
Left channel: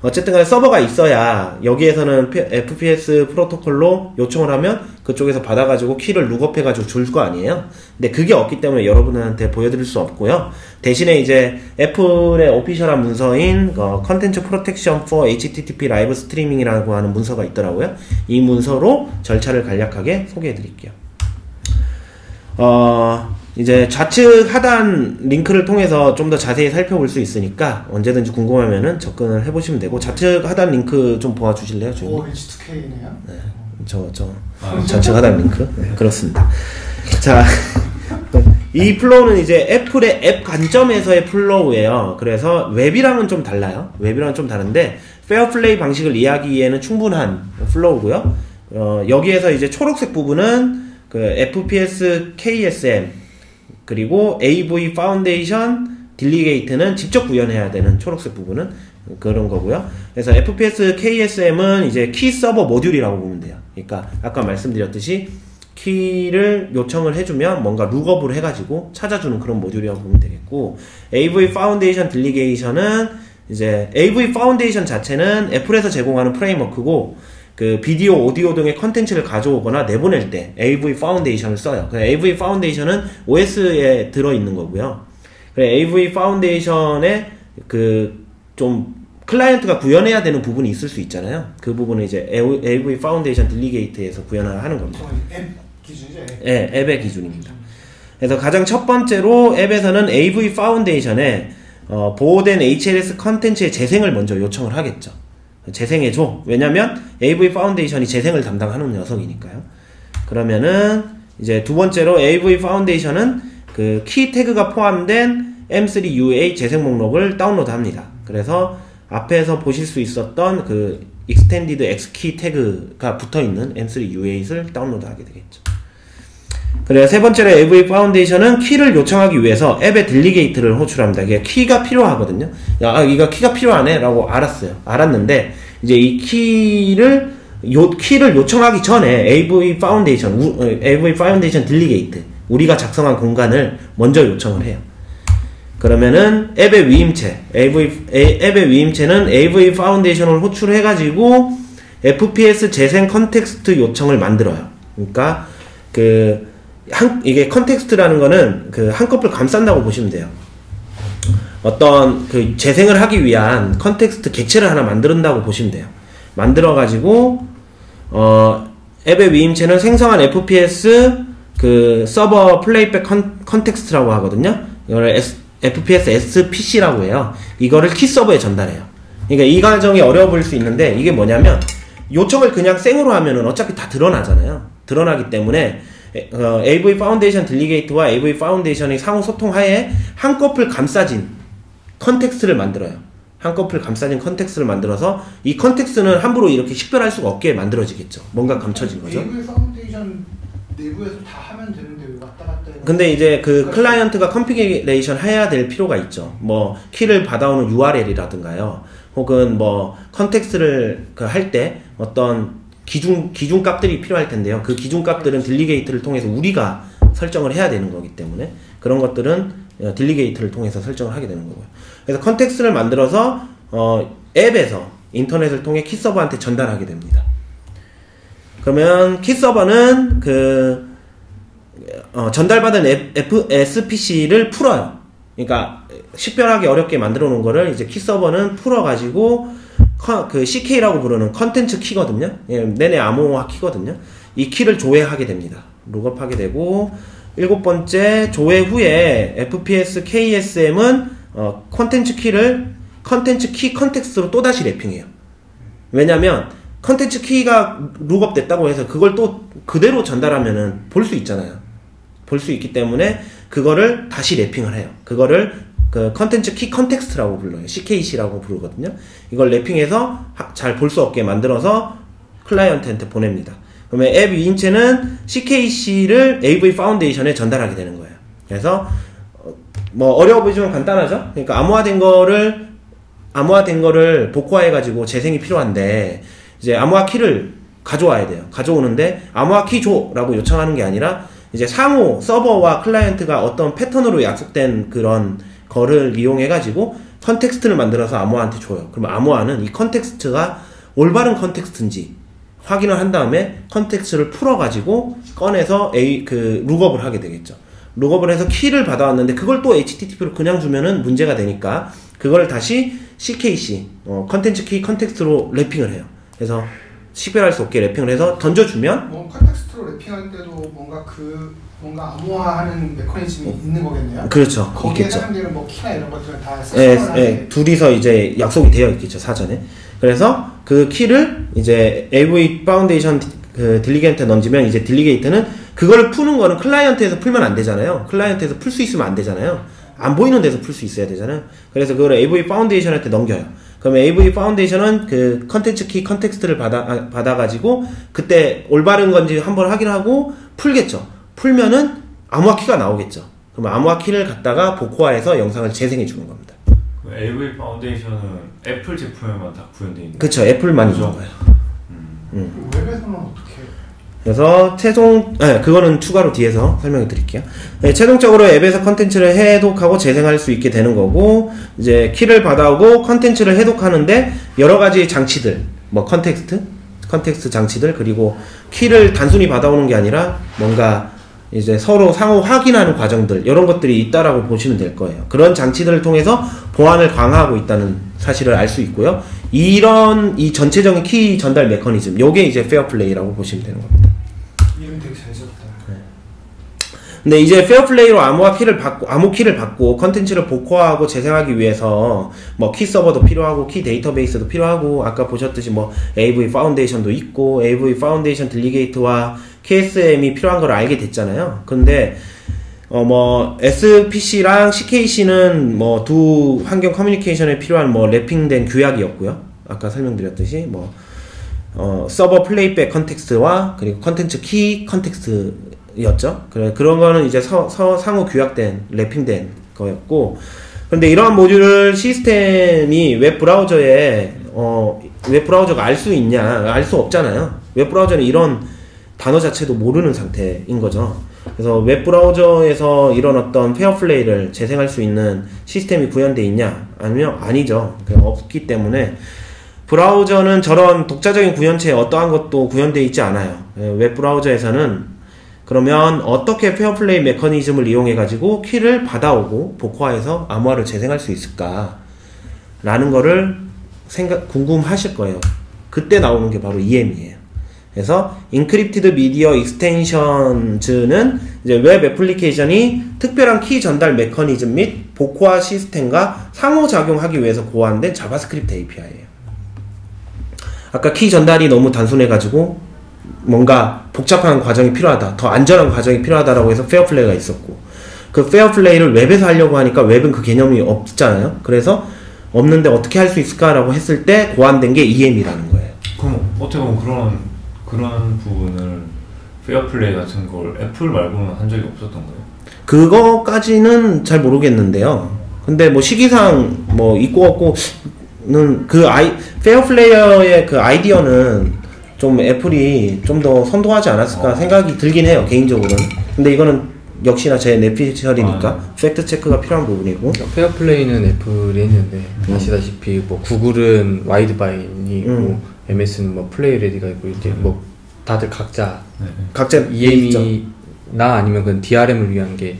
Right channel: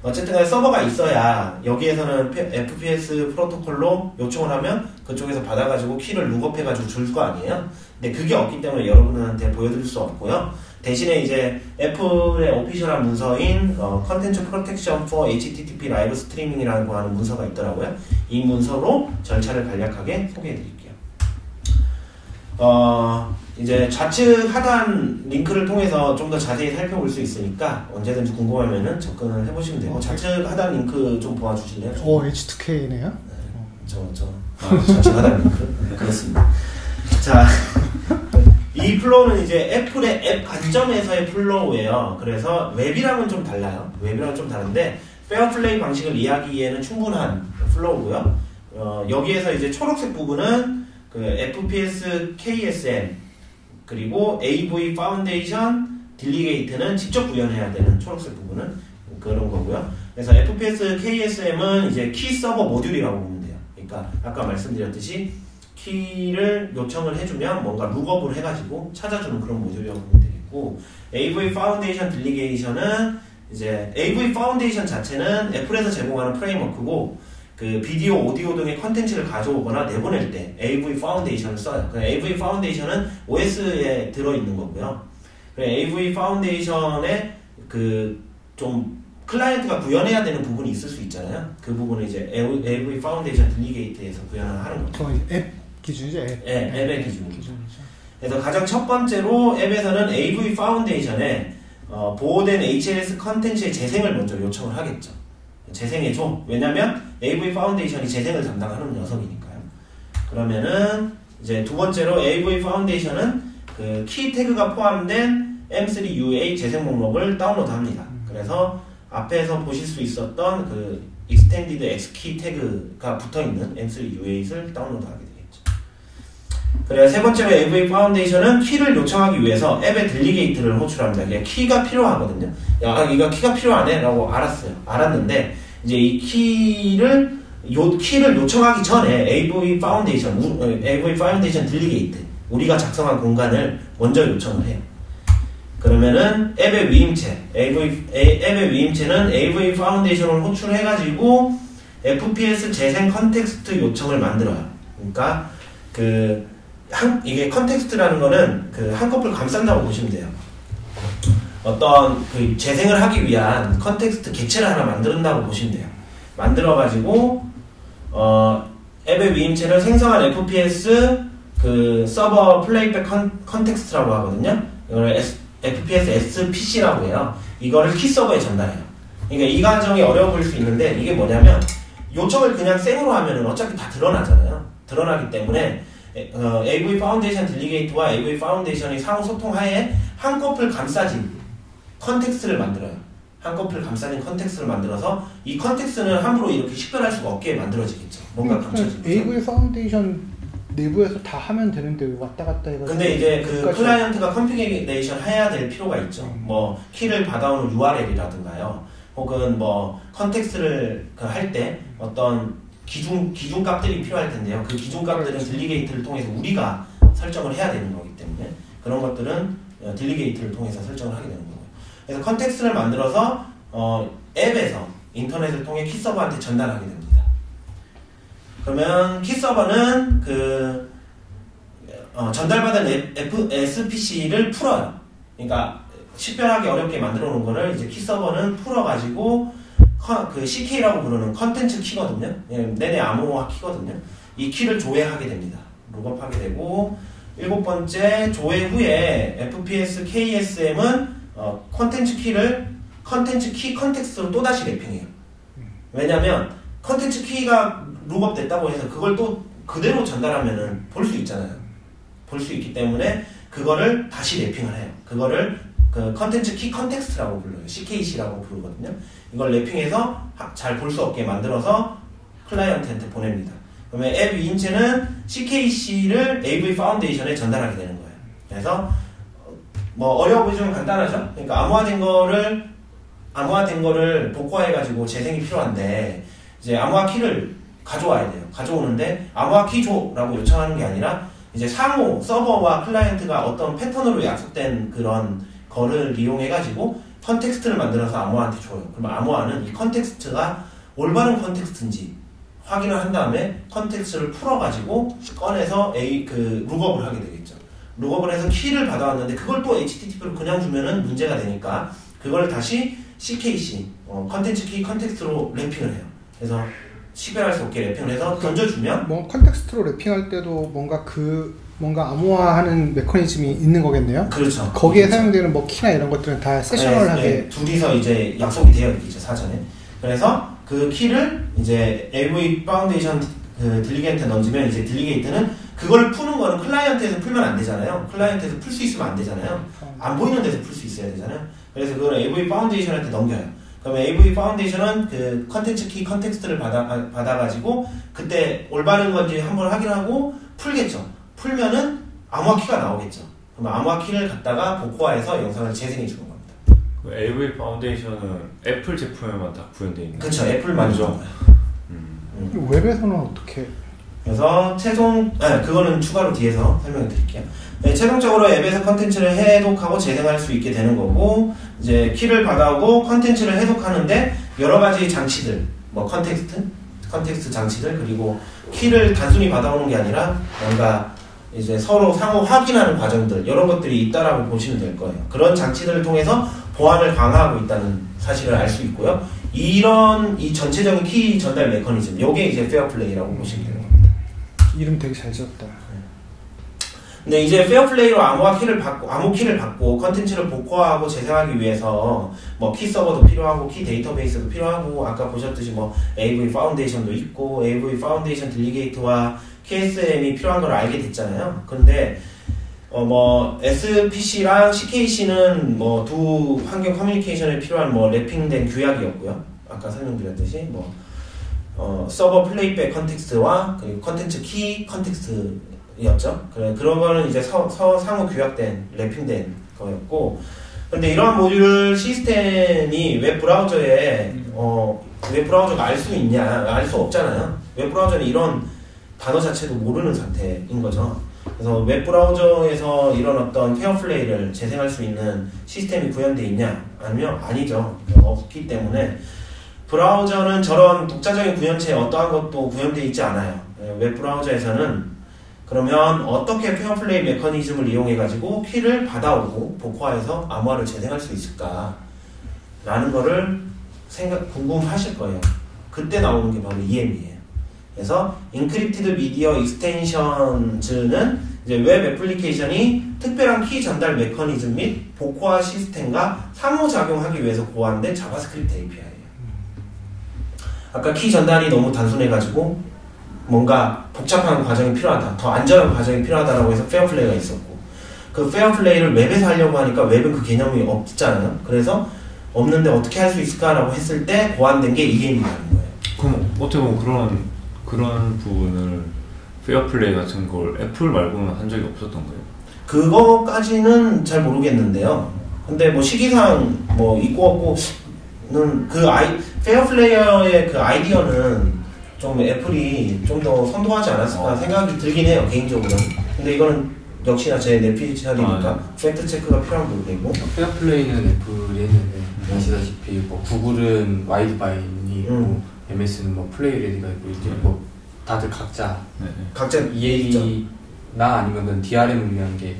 어쨌든 간에 서버가 있어야 여기에서는 FPS 프로토콜로 요청을 하면 그쪽에서 받아가지고 키를 룩업해가지고 줄 거 아니에요. 근데 그게 없기 때문에 여러분한테 보여드릴 수 없고요. 대신에 이제 애플의 오피셜한 문서인 컨텐츠 프로텍션 for HTTP 라이브 스트리밍이라고 하는 문서가 있더라고요. 이 문서로 절차를 간략하게 소개해드릴게요. 이제 좌측 하단 링크를 통해서 좀 더 자세히 살펴볼 수 있으니까 언제든지 궁금하면은 접근을 해보시면 되고 좌측 하단 링크 좀 보아주실래요? H2K네요? 네. 좌측 하단 링크? 네, 그렇습니다. 자, 이 플로우는 이제 애플의 앱 관점에서의 플로우예요. 그래서 웹이랑은 좀 달라요. 웹이랑은 좀 다른데 페어플레이 방식을 이해하기에는 충분한 플로우고요. 여기에서 이제 초록색 부분은 그 FPS KSM 그리고 AV 파운데이션 딜리게이트는 직접 구현해야 되는 초록색 부분은 그런 거고요. 그래서 FPS KSM은 이제 키 서버 모듈이라고 보면 돼요. 그러니까 아까 말씀드렸듯이 키를 요청을 해주면 뭔가 룩업을 해가지고 찾아주는 그런 모듈이라고 보면 되겠고, AV 파운데이션 딜리게이션은 이제 AV 파운데이션 자체는 애플에서 제공하는 프레임워크고 그 비디오, 오디오 등의 컨텐츠를 가져오거나 내보낼 때 AV 파운데이션을 써요. AV 파운데이션은 OS에 들어있는 거고요. AV 파운데이션에 그 좀 클라이언트가 구현해야 되는 부분이 있을 수 있잖아요. 그 부분은 이제 AV 파운데이션 딜리게이트에서 구현을 하는 겁니다. 앱 기준이죠? 앱. 네, 앱의 기준입니다. 그래서 가장 첫 번째로 앱에서는 AV 파운데이션에 보호된 HLS 컨텐츠의 재생을 먼저 요청을 하겠죠. 재생해줘. 왜냐면 AV 파운데이션이 재생을 담당하는 녀석이니까요. 그러면은 이제 두 번째로 AV 파운데이션은 그 키 태그가 포함된 M3UA 재생 목록을 다운로드 합니다. 그래서 앞에서 보실 수 있었던 그 Extended Xkey 태그가 붙어있는 M3UA를 다운로드 하게 되겠죠. 그래서 세 번째로 AV 파운데이션은 키를 요청하기 위해서 앱의 딜리게이트를 호출합니다. 이게 키가 필요하거든요. 이거 키가 필요하네 라고 알았는데 이제 이 키를 요청하기 전에 AV 파운데이션 딜리게이트, 우리가 작성한 공간을 먼저 요청을 해요. 그러면은 앱의 위임체는 AV 파운데이션을 호출해가지고 FPS 재생 컨텍스트 요청을 만들어요. 그러니까 이게 컨텍스트라는 거는 그 한꺼풀 감싼다고 보시면 돼요. 어떤 그 재생을 하기 위한 컨텍스트 객체를 하나 만든다고 보시면 돼요. 만들어가지고 앱의 위임체는 생성한 FPS 그 서버 플레이백 컨텍스트라고 하거든요. 이걸 FPS SPC라고 해요. 이거를 키 서버에 전달해요. 그러니까 이 과정이 어려워 보일 수 있는데 이게 뭐냐면 요청을 그냥 생으로 하면은 어차피 다 드러나잖아요. 드러나기 때문에 AV 파운데이션 딜리게이트와 AV 파운데이션이 상호 소통하에 한꺼풀 감싸진 컨텍스트를 만들어요. 한꺼풀 감싸진 컨텍스트를 만들어서 이 컨텍스트는 함부로 이렇게 식별할 수가 없게 만들어지겠죠. 뭔가 감춰진 거죠. AV 파운데이션 내부에서 다 하면 되는데 왜 왔다 갔다 해가지고. 근데 이제 그 클라이언트가 컨피그레이션 해야 될 필요가 있죠. 뭐 키를 받아오는 URL이라든가요. 혹은 뭐 컨텍스트를 할 때 어떤 기준 값들이 필요할 텐데요. 그 기준 값들은 딜리게이트를 통해서 우리가 설정을 해야 되는 거기 때문에 그런 것들은 딜리게이트를 통해서 설정을 하게 되는 거고요. 그래서 컨텍스트를 만들어서 앱에서 인터넷을 통해 키 서버한테 전달하게 됩니다. 그러면 키 서버는 전달받은 SPC를 풀어요. 그러니까 식별하기 어렵게 만들어 놓은 거를 이제 키 서버는 풀어가지고 그 CK라고 부르는 컨텐츠 키거든요. 내내 암호화 키거든요. 이 키를 조회하게 됩니다. 룩업하게 되고, 일곱 번째 조회 후에 FPS KSM은 컨텐츠 키 컨텍스트로 또다시 랩핑해요. 왜냐면 컨텐츠 키가 룩업 됐다고 해서 그걸 또 그대로 전달하면은 볼 수 있잖아요. 볼 수 있기 때문에 그거를 다시 랩핑을 해요. 그거를 그 컨텐츠 키 컨텍스트라고 불러요. CKC라고 부르거든요. 이걸 랩핑해서 잘 볼 수 없게 만들어서 클라이언트한테 보냅니다. 그러면 앱 위인체는 CKC를 AV 파운데이션에 전달하게 되는 거예요. 그래서 뭐 어려워 보이지만 간단하죠. 그러니까 암호화된 거를 복구해가지고 재생이 필요한데 이제 암호화 키를 가져와야 돼요. 가져오는데 암호화 키 줘라고 요청하는 게 아니라 이제 상호 서버와 클라이언트가 어떤 패턴으로 약속된 그런 거를 이용해가지고 컨텍스트를 만들어서 암호화한테 줘요. 그럼 암호화는 이 컨텍스트가 올바른 컨텍스트인지 확인을 한 다음에 컨텍스트를 풀어가지고 꺼내서 룩업을 하게 되겠죠. 룩업을 해서 키를 받아왔는데 그걸 또 HTTP로 그냥 주면은 문제가 되니까 그걸 다시 CKC 컨텐츠 키 컨텍스트로 랩핑을 해요. 그래서 식별할 수 없게 랩핑을 해서 던져주면 뭐 컨텍스트로 랩핑할 때도 뭔가 암호화하는 메커니즘이 있는 거겠네요. 그렇죠. 거기에 있겠죠. 사용되는 뭐 키나 이런 것들은 다 세션을 하게 둘이서 이제 약속이 되어 있겠죠, 사전에. 그래서 그 키를 이제 AV 파운데이션 그 딜리게이트에 던지면 이제 딜리게이트는 그걸 푸는 거는 클라이언트에서 풀면 안 되잖아요. 클라이언트에서 풀 수 있으면 안 되잖아요. 안 보이는 데서 풀 수 있어야 되잖아요. 그래서 그걸 AV 파운데이션한테 넘겨요. 그러면 AV 파운데이션은 그 컨텐츠 키 컨텍스트를 받아가지고 그때 올바른 건지 한번 확인하고 풀겠죠. 풀면은 암호화 키가 나오겠죠. 그럼 암호화 키를 갖다가 복호화해서 영상을 재생해 주는 겁니다. AV 파운데이션은 애플 제품에만 다 구현되어 있는 그쵸, 애플만 있는 거예요. 웹에서는 어떻게? 그래서 그거는 추가로 뒤에서 설명해 드릴게요. 네, 최종적으로 앱에서 컨텐츠를 해독하고 재생할 수 있게 되는 거고, 이제 키를 받아오고 컨텐츠를 해독하는데 여러 가지 장치들, 뭐 컨텍스트 장치들, 그리고 키를 단순히 받아오는 게 아니라 뭔가 이제 서로 상호 확인하는 과정들, 이런 것들이 있다라고 보시면 될 거예요. 그런 장치들을 통해서 보안을 강화하고 있다는 사실을 알 수 있고요. 이 전체적인 키 전달 메커니즘, 요게 이제 페어플레이라고 보시면 되는 겁니다. 이름 되게 잘 지었다. 근데 이제 페어플레이로 암호 키를 받고 컨텐츠를 복호하고 재생하기 위해서 뭐 키 서버도 필요하고 키 데이터베이스도 필요하고 아까 보셨듯이 뭐 AV 파운데이션도 있고 AV 파운데이션 딜리게이트와 KSM이 필요한 걸 알게 됐잖아요. 근데 뭐 SPC랑 CKC는 뭐 두 환경 커뮤니케이션에 필요한 뭐 랩핑된 규약이었고요. 아까 설명드렸듯이 뭐 서버 플레이백 컨텍스트와 그리고 컨텐츠 키 컨텍스트였죠. 그런 거는 이제 상호 규약된 랩핑된 거였고, 그런데 이러한 모듈을 시스템이 웹브라우저가 알 수 있냐? 알 수 없잖아요. 웹브라우저는 이런 단어 자체도 모르는 상태인 거죠. 그래서 웹브라우저에서 이런 어떤 페어플레이를 재생할 수 있는 시스템이 구현되어 있냐? 아니면 아니죠. 없기 때문에 브라우저는 저런 독자적인 구현체에 어떠한 것도 구현되어 있지 않아요. 웹브라우저에서는 그러면 어떻게 페어플레이 메커니즘을 이용해 가지고 키를 받아오고 복호화해서 암호화를 재생할 수 있을까 라는 거를 궁금하실 거예요. 그때 나오는 게 바로 EM이에요. 그래서 Encrypted Media Extensions는 이제 웹 애플리케이션이 특별한 키 전달 메커니즘 및 복호화 시스템과 상호작용하기 위해서 고안된 자바스크립트 API예요. 아까 키 전달이 너무 단순해가지고 뭔가 복잡한 과정이 필요하다, 더 안전한 과정이 필요하다라고 해서 페어플레이가 있었고, 그 페어플레이를 웹에서 하려고 하니까 웹은 그 개념이 없잖아요. 그래서 없는데 어떻게 할 수 있을까라고 했을 때 고안된 게 EM이라는 거예요. 그럼 어떻게 보면 그런 부분을 페어플레이 같은 걸 애플 말고는 한 적이 없었던 거예요? 그거까지는 잘 모르겠는데요. 근데 뭐 시기상 뭐 있고 없고는 페어플레이어의 그 아이디어는 좀 애플이 좀 더 선도하지 않았을까 생각이 들긴 해요, 개인적으로는. 근데 이거는 역시나 제 내피셜이니까 팩트 체크가 필요한 부분이고. 페어플레이는 애플이 했는데 아시다시피 뭐 구글은 와이드바인이 있고 MS는 뭐 플레이 레디가 있고 이제 뭐 다들 각자 EM이나 아니면 그건 DRM을 위한 게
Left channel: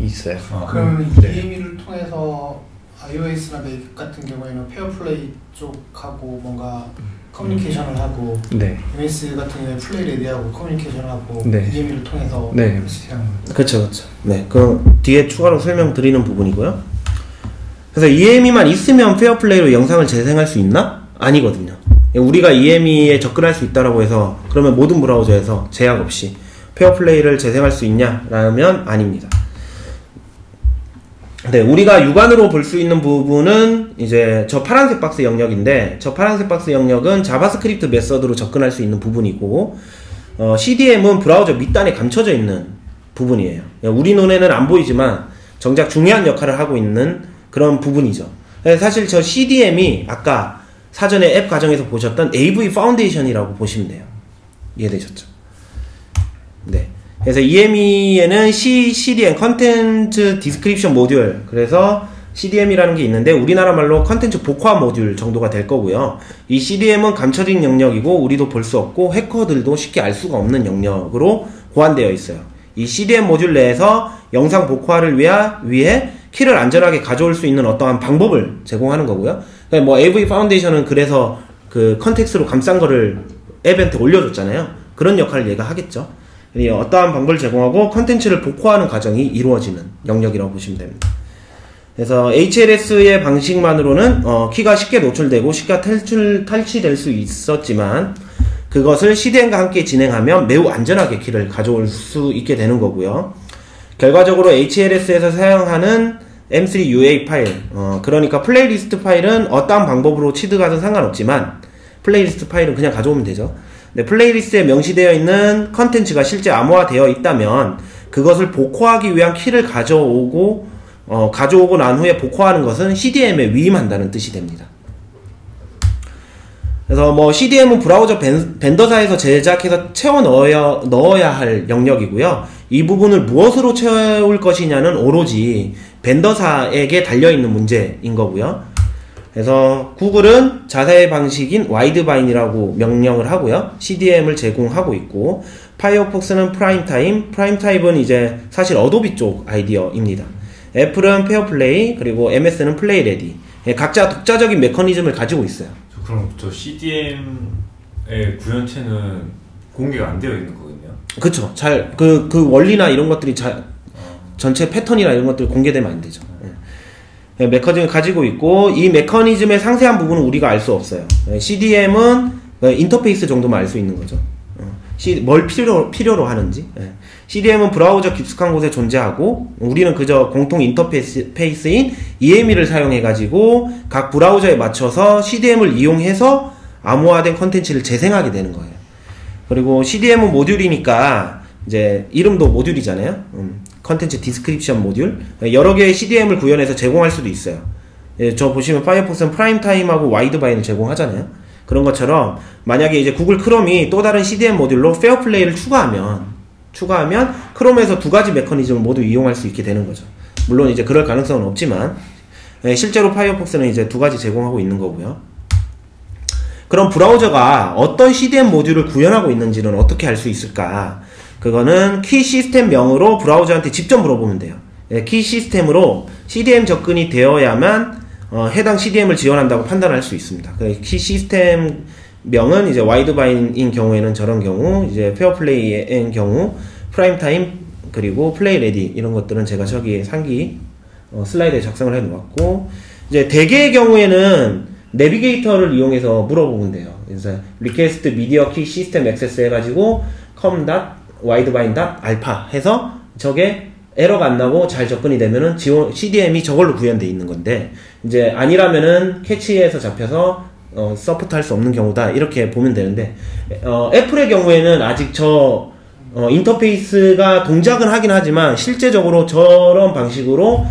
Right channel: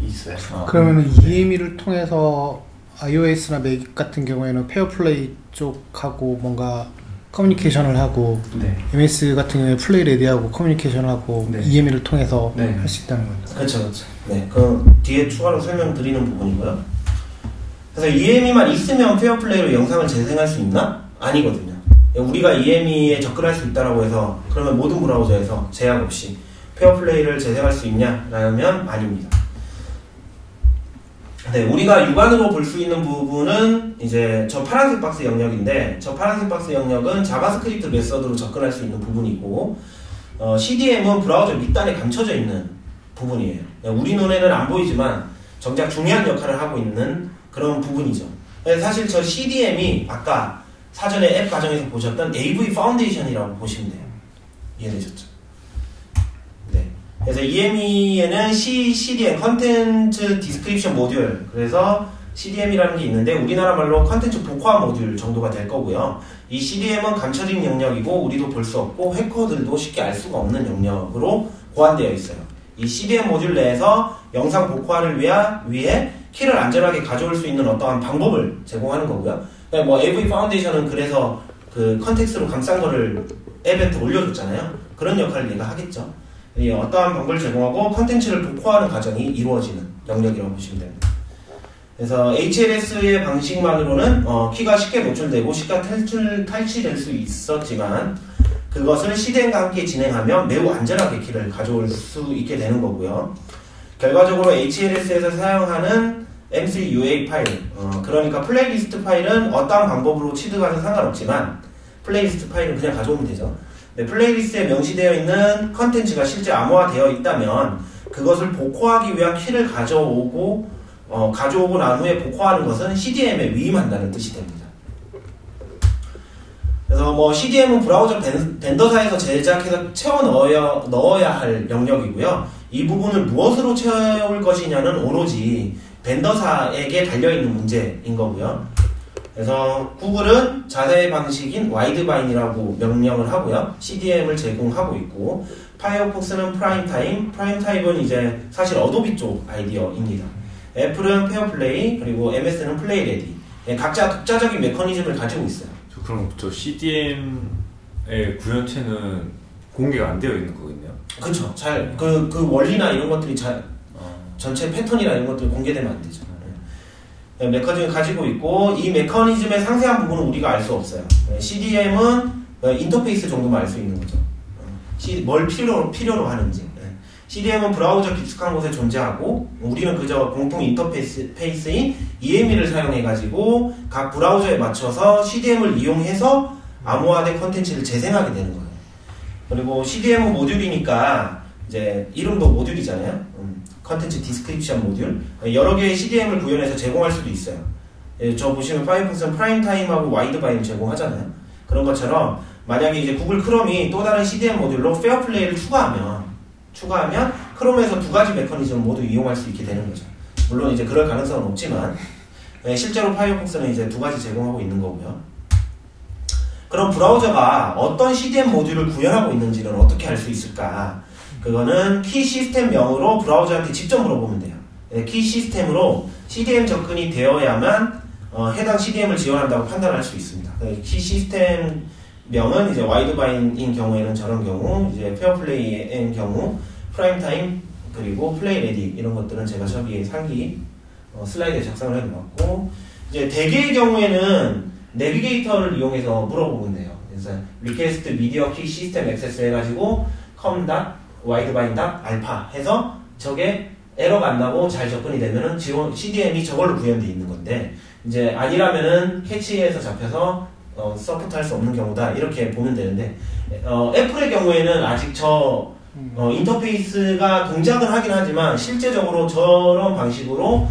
있어요. 그러면 EM이를 통해서 iOS나 맥 같은 경우에는 페어플레이 쪽하고 뭔가 커뮤니케이션을 하고, 네. MS 같은 경우에 플레이 레디하고 커뮤니케이션을 하고, 네. EM이를 통해서 네. 할 수 있다는 거죠. 그렇죠. 네, 그 뒤에 추가로 설명드리는 부분이고요. 그래서 EME만 있으면 페어플레이로 영상을 재생할 수 있나? 아니거든요. 우리가 EME에 접근할 수 있다라고 해서 그러면 모든 브라우저에서 제약 없이 페어플레이를 재생할 수 있냐라면 아닙니다. 네, 우리가 육안으로 볼 수 있는 부분은 이제 저 파란색 박스 영역인데, 저 파란색 박스 영역은 자바스크립트 메서드로 접근할 수 있는 부분이고, CDM은 브라우저 밑단에 감춰져 있는 부분이에요. 우리 눈에는 안 보이지만 정작 중요한 역할을 하고 있는 그런 부분이죠. 사실 저 CDM이 아까 사전에 앱 과정에서 보셨던 AV 파운데이션이라고 보시면 돼요. 이해되셨죠? 네. 그래서 EME에는 CDM, 컨텐츠 디스크립션 모듈, 그래서 CDM이라는 게 있는데 우리나라 말로 컨텐츠 복화 모듈 정도가 될 거고요. 이 CDM은 감춰진 영역이고 우리도 볼 수 없고 해커들도 쉽게 알 수가 없는 영역으로 고안되어 있어요. 이 CDM 모듈 내에서 영상 복화를 위해 키를 안전하게 가져올 수 있는 어떠한 방법을 제공하는 거고요. 그러니까 뭐 AV 파운데이션은 그래서 그 컨텍스트로 감싼 거를 앱한테 올려줬잖아요. 그런 역할을 얘가 하겠죠. 어떠한 방법을 제공하고 컨텐츠를 복화하는 과정이 이루어지는 영역이라고 보시면 됩니다. 그래서 HLS의 방식만으로는 키가 쉽게 노출되고 쉽게 탈취될 수 있었지만 그것을 CDM과 함께 진행하면 매우 안전하게 키를 가져올 수 있게 되는 거고요. 결과적으로 HLS에서 사용하는 M3 UA 파일, 그러니까 플레이리스트 파일은 어떠한 방법으로 취득하든 상관없지만 플레이리스트 파일은 그냥 가져오면 되죠. 네, 플레이리스트에 명시되어 있는 컨텐츠가 실제 암호화되어 있다면 그것을 복화하기 위한 키를 가져오고 난 후에 복화하는 것은 CDM에 위임한다는 뜻이 됩니다. 그래서 뭐 CDM은 브라우저 벤더사에서 제작해서 채워 넣어야 할 영역이고요. 이 부분을 무엇으로 채울 것이냐는 오로지 벤더사에게 달려있는 문제인 거고요. 그래서 구글은 자사의 방식인 와이드바인이라고 명령을 하고요. CDM을 제공하고 있고, 파이어폭스는 프라임타입은 이제 사실 어도비 쪽 아이디어입니다. 애플은 페어플레이, 그리고 MS는 플레이레디. 각자 독자적인 메커니즘을 가지고 있어요. 그럼 저 CDM의 구현체는 공개가 안 되어 있는 거겠네요? 그쵸. 그 원리나 이런 것들이 전체 패턴이나 이런 것들이 공개되면 안 되죠. 메커니즘을 가지고 있고, 이 메커니즘의 상세한 부분은 우리가 알 수 없어요. CDM은 인터페이스 정도만 알 수 있는 거죠. 뭘 필요로 하는지. CDM은 브라우저 깊숙한 곳에 존재하고, 우리는 그저 공통 인터페이스인 EME를 사용해가지고 각 브라우저에 맞춰서 CDM을 이용해서 암호화된 컨텐츠를 재생하게 되는 거예요. 그리고 CDM은 모듈이니까 이제 이름도 모듈이잖아요. 컨텐츠 디스크립션 모듈. 여러 개의 CDM을 구현해서 제공할 수도 있어요. 저 보시면 파이어폭스는 프라임타임하고 와이드바인을 제공하잖아요. 그런 것처럼 만약에 이제 구글 크롬이 또 다른 CDM 모듈로 페어플레이를 추가하면 크롬에서 두 가지 메커니즘을 모두 이용할 수 있게 되는 거죠. 물론 이제 그럴 가능성은 없지만 실제로 파이어폭스는 이제 두 가지 제공하고 있는 거고요. 그럼 브라우저가 어떤 CDM 모듈을 구현하고 있는지는 어떻게 알 수 있을까? 그거는 키 시스템명으로 브라우저한테 직접 물어보면 돼요. 키 시스템으로 CDM 접근이 되어야만 해당 CDM을 지원한다고 판단할 수 있습니다. 키 시스템명은 이제 와이드바인인 경우에는 저런 경우, 이제 페어플레이인 경우, 프라임타임, 그리고 플레이레디 이런 것들은 제가 저기 상기 슬라이드에 작성을 해 놓았고, 이제 대개의 경우에는 내비게이터를 이용해서 물어보면 돼요. 그래서 리퀘스트 미디어 키 시스템 액세스 해가지고 com.widebind.alpha 해서 저게 에러가 안 나고 잘 접근이 되면은 CDM이 저걸로 구현되어 있는 건데, 이제 아니라면은 캐치에서 잡혀서 서포트할 수 없는 경우다 이렇게 보면 되는데, 애플의 경우에는 아직 인터페이스가 동작은 하긴 하지만 실제적으로 저런 방식으로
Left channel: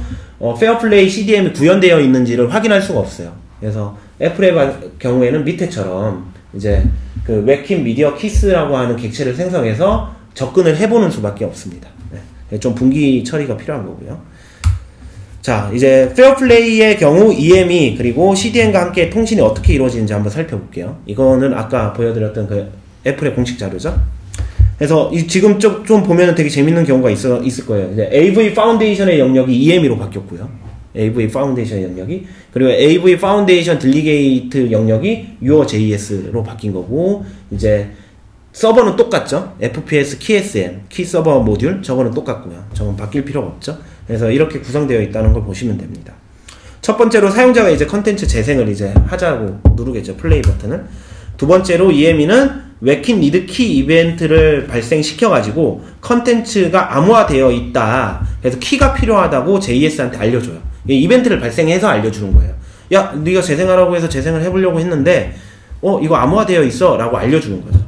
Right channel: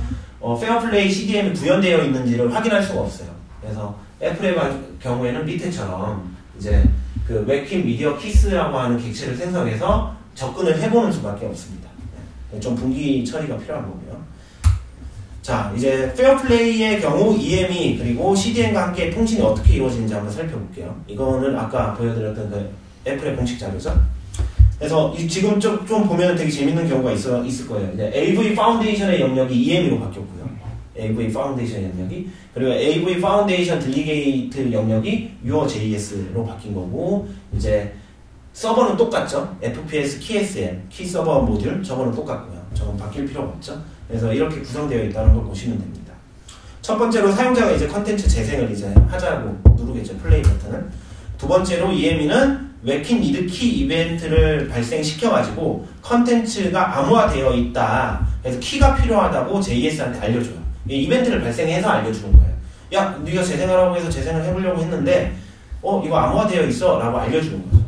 페어플레이 CDM이 구현되어 있는지를 확인할 수가 없어요. 그래서 애플의 경우에는 밑에처럼 이제 그 웹킨 미디어 키스라고 하는 객체를 생성해서 접근을 해보는 수밖에 없습니다. 네. 좀 분기 처리가 필요한 거고요. 자, 이제 페어플레이의 경우 EME 그리고 CDM과 함께 통신이 어떻게 이루어지는지 한번 살펴볼게요. 이거는 아까 보여드렸던 그 애플의 공식 자료죠. 그래서 지금 좀 보면 되게 재밌는 경우가 있을 거예요. 이제 AV 파운데이션의 영역이 EME로 바뀌었고요. AV 파운데이션 영역이, 그리고 AV 파운데이션 딜리게이트 영역이 UOJS로 바뀐 거고, 이제 서버는 똑같죠. FPS KSM 키 서버 모듈 저거는 똑같고요. 저건 바뀔 필요가 없죠. 그래서 이렇게 구성되어 있다는 걸 보시면 됩니다. 첫 번째로 사용자가 이제 컨텐츠 재생을 이제 하자고 누르겠죠. 플레이 버튼을. 두 번째로 EME는 웹킷 리드 키 이벤트를 발생시켜가지고 컨텐츠가 암호화되어 있다. 그래서 키가 필요하다고 JS한테 알려줘요. 이 이벤트를 발생해서 알려주는 거예요. 야, 네가 재생하라고 해서 재생을 해보려고 했는데 이거 암호화되어 있어 라고 알려주는 거죠.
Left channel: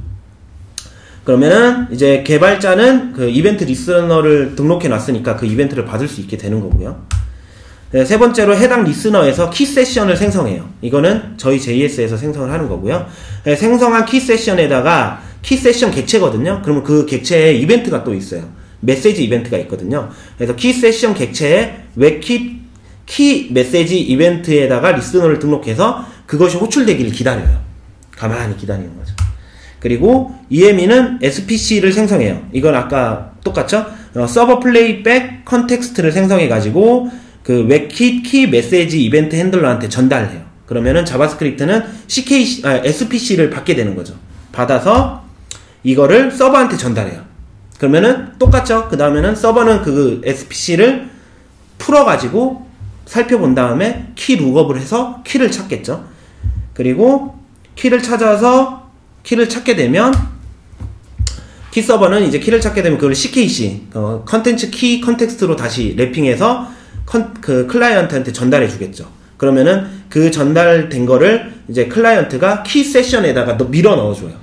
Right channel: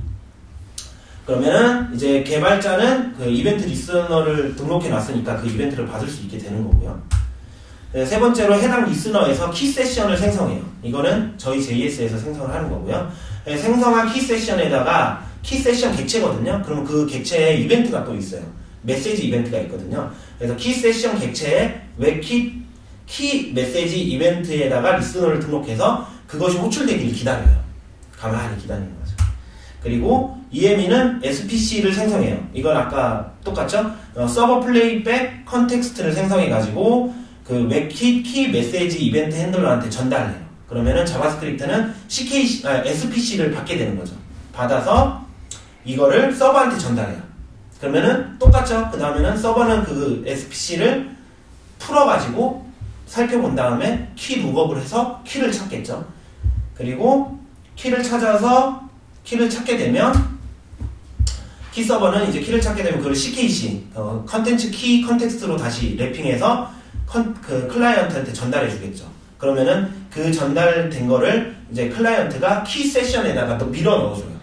그러면 이제 개발자는 그 이벤트 리스너를 등록해 놨으니까 그 이벤트를 받을 수 있게 되는 거고요. 네, 세 번째로 해당 리스너에서 키 세션을 생성해요. 이거는 저희 JS에서 생성을 하는 거고요. 네, 생성한 키 세션에다가 키 세션 객체거든요. 그러면 그 객체에 이벤트가 또 있어요. 메시지 이벤트가 있거든요. 그래서 키 세션 객체에 웹킷 키 메시지 이벤트에다가 리스너를 등록해서 그것이 호출되기를 기다려요. 가만히 기다리는 거죠. 그리고 EME는 SPC를 생성해요. 이건 아까 똑같죠? 서버 플레이백 컨텍스트를 생성해가지고 그 웹킷 키 메시지 이벤트 핸들러한테 전달해요. 그러면은 자바스크립트는 SPC를 받게 되는 거죠. 받아서 이거를 서버한테 전달해요. 그러면은 똑같죠? 그 다음에는 서버는 그 SPC를 풀어가지고 살펴본 다음에 키 룩업을 해서 키를 찾겠죠. 그리고 키를 찾아서 키를 찾게 되면 키 서버는 이제 키를 찾게 되면 그걸 CKC 컨텐츠 키 컨텍스트로 다시 랩핑해서 그 클라이언트한테 전달해 주겠죠. 그러면은 그 전달된 거를 이제 클라이언트가 키 세션에다가 밀어 넣어줘요.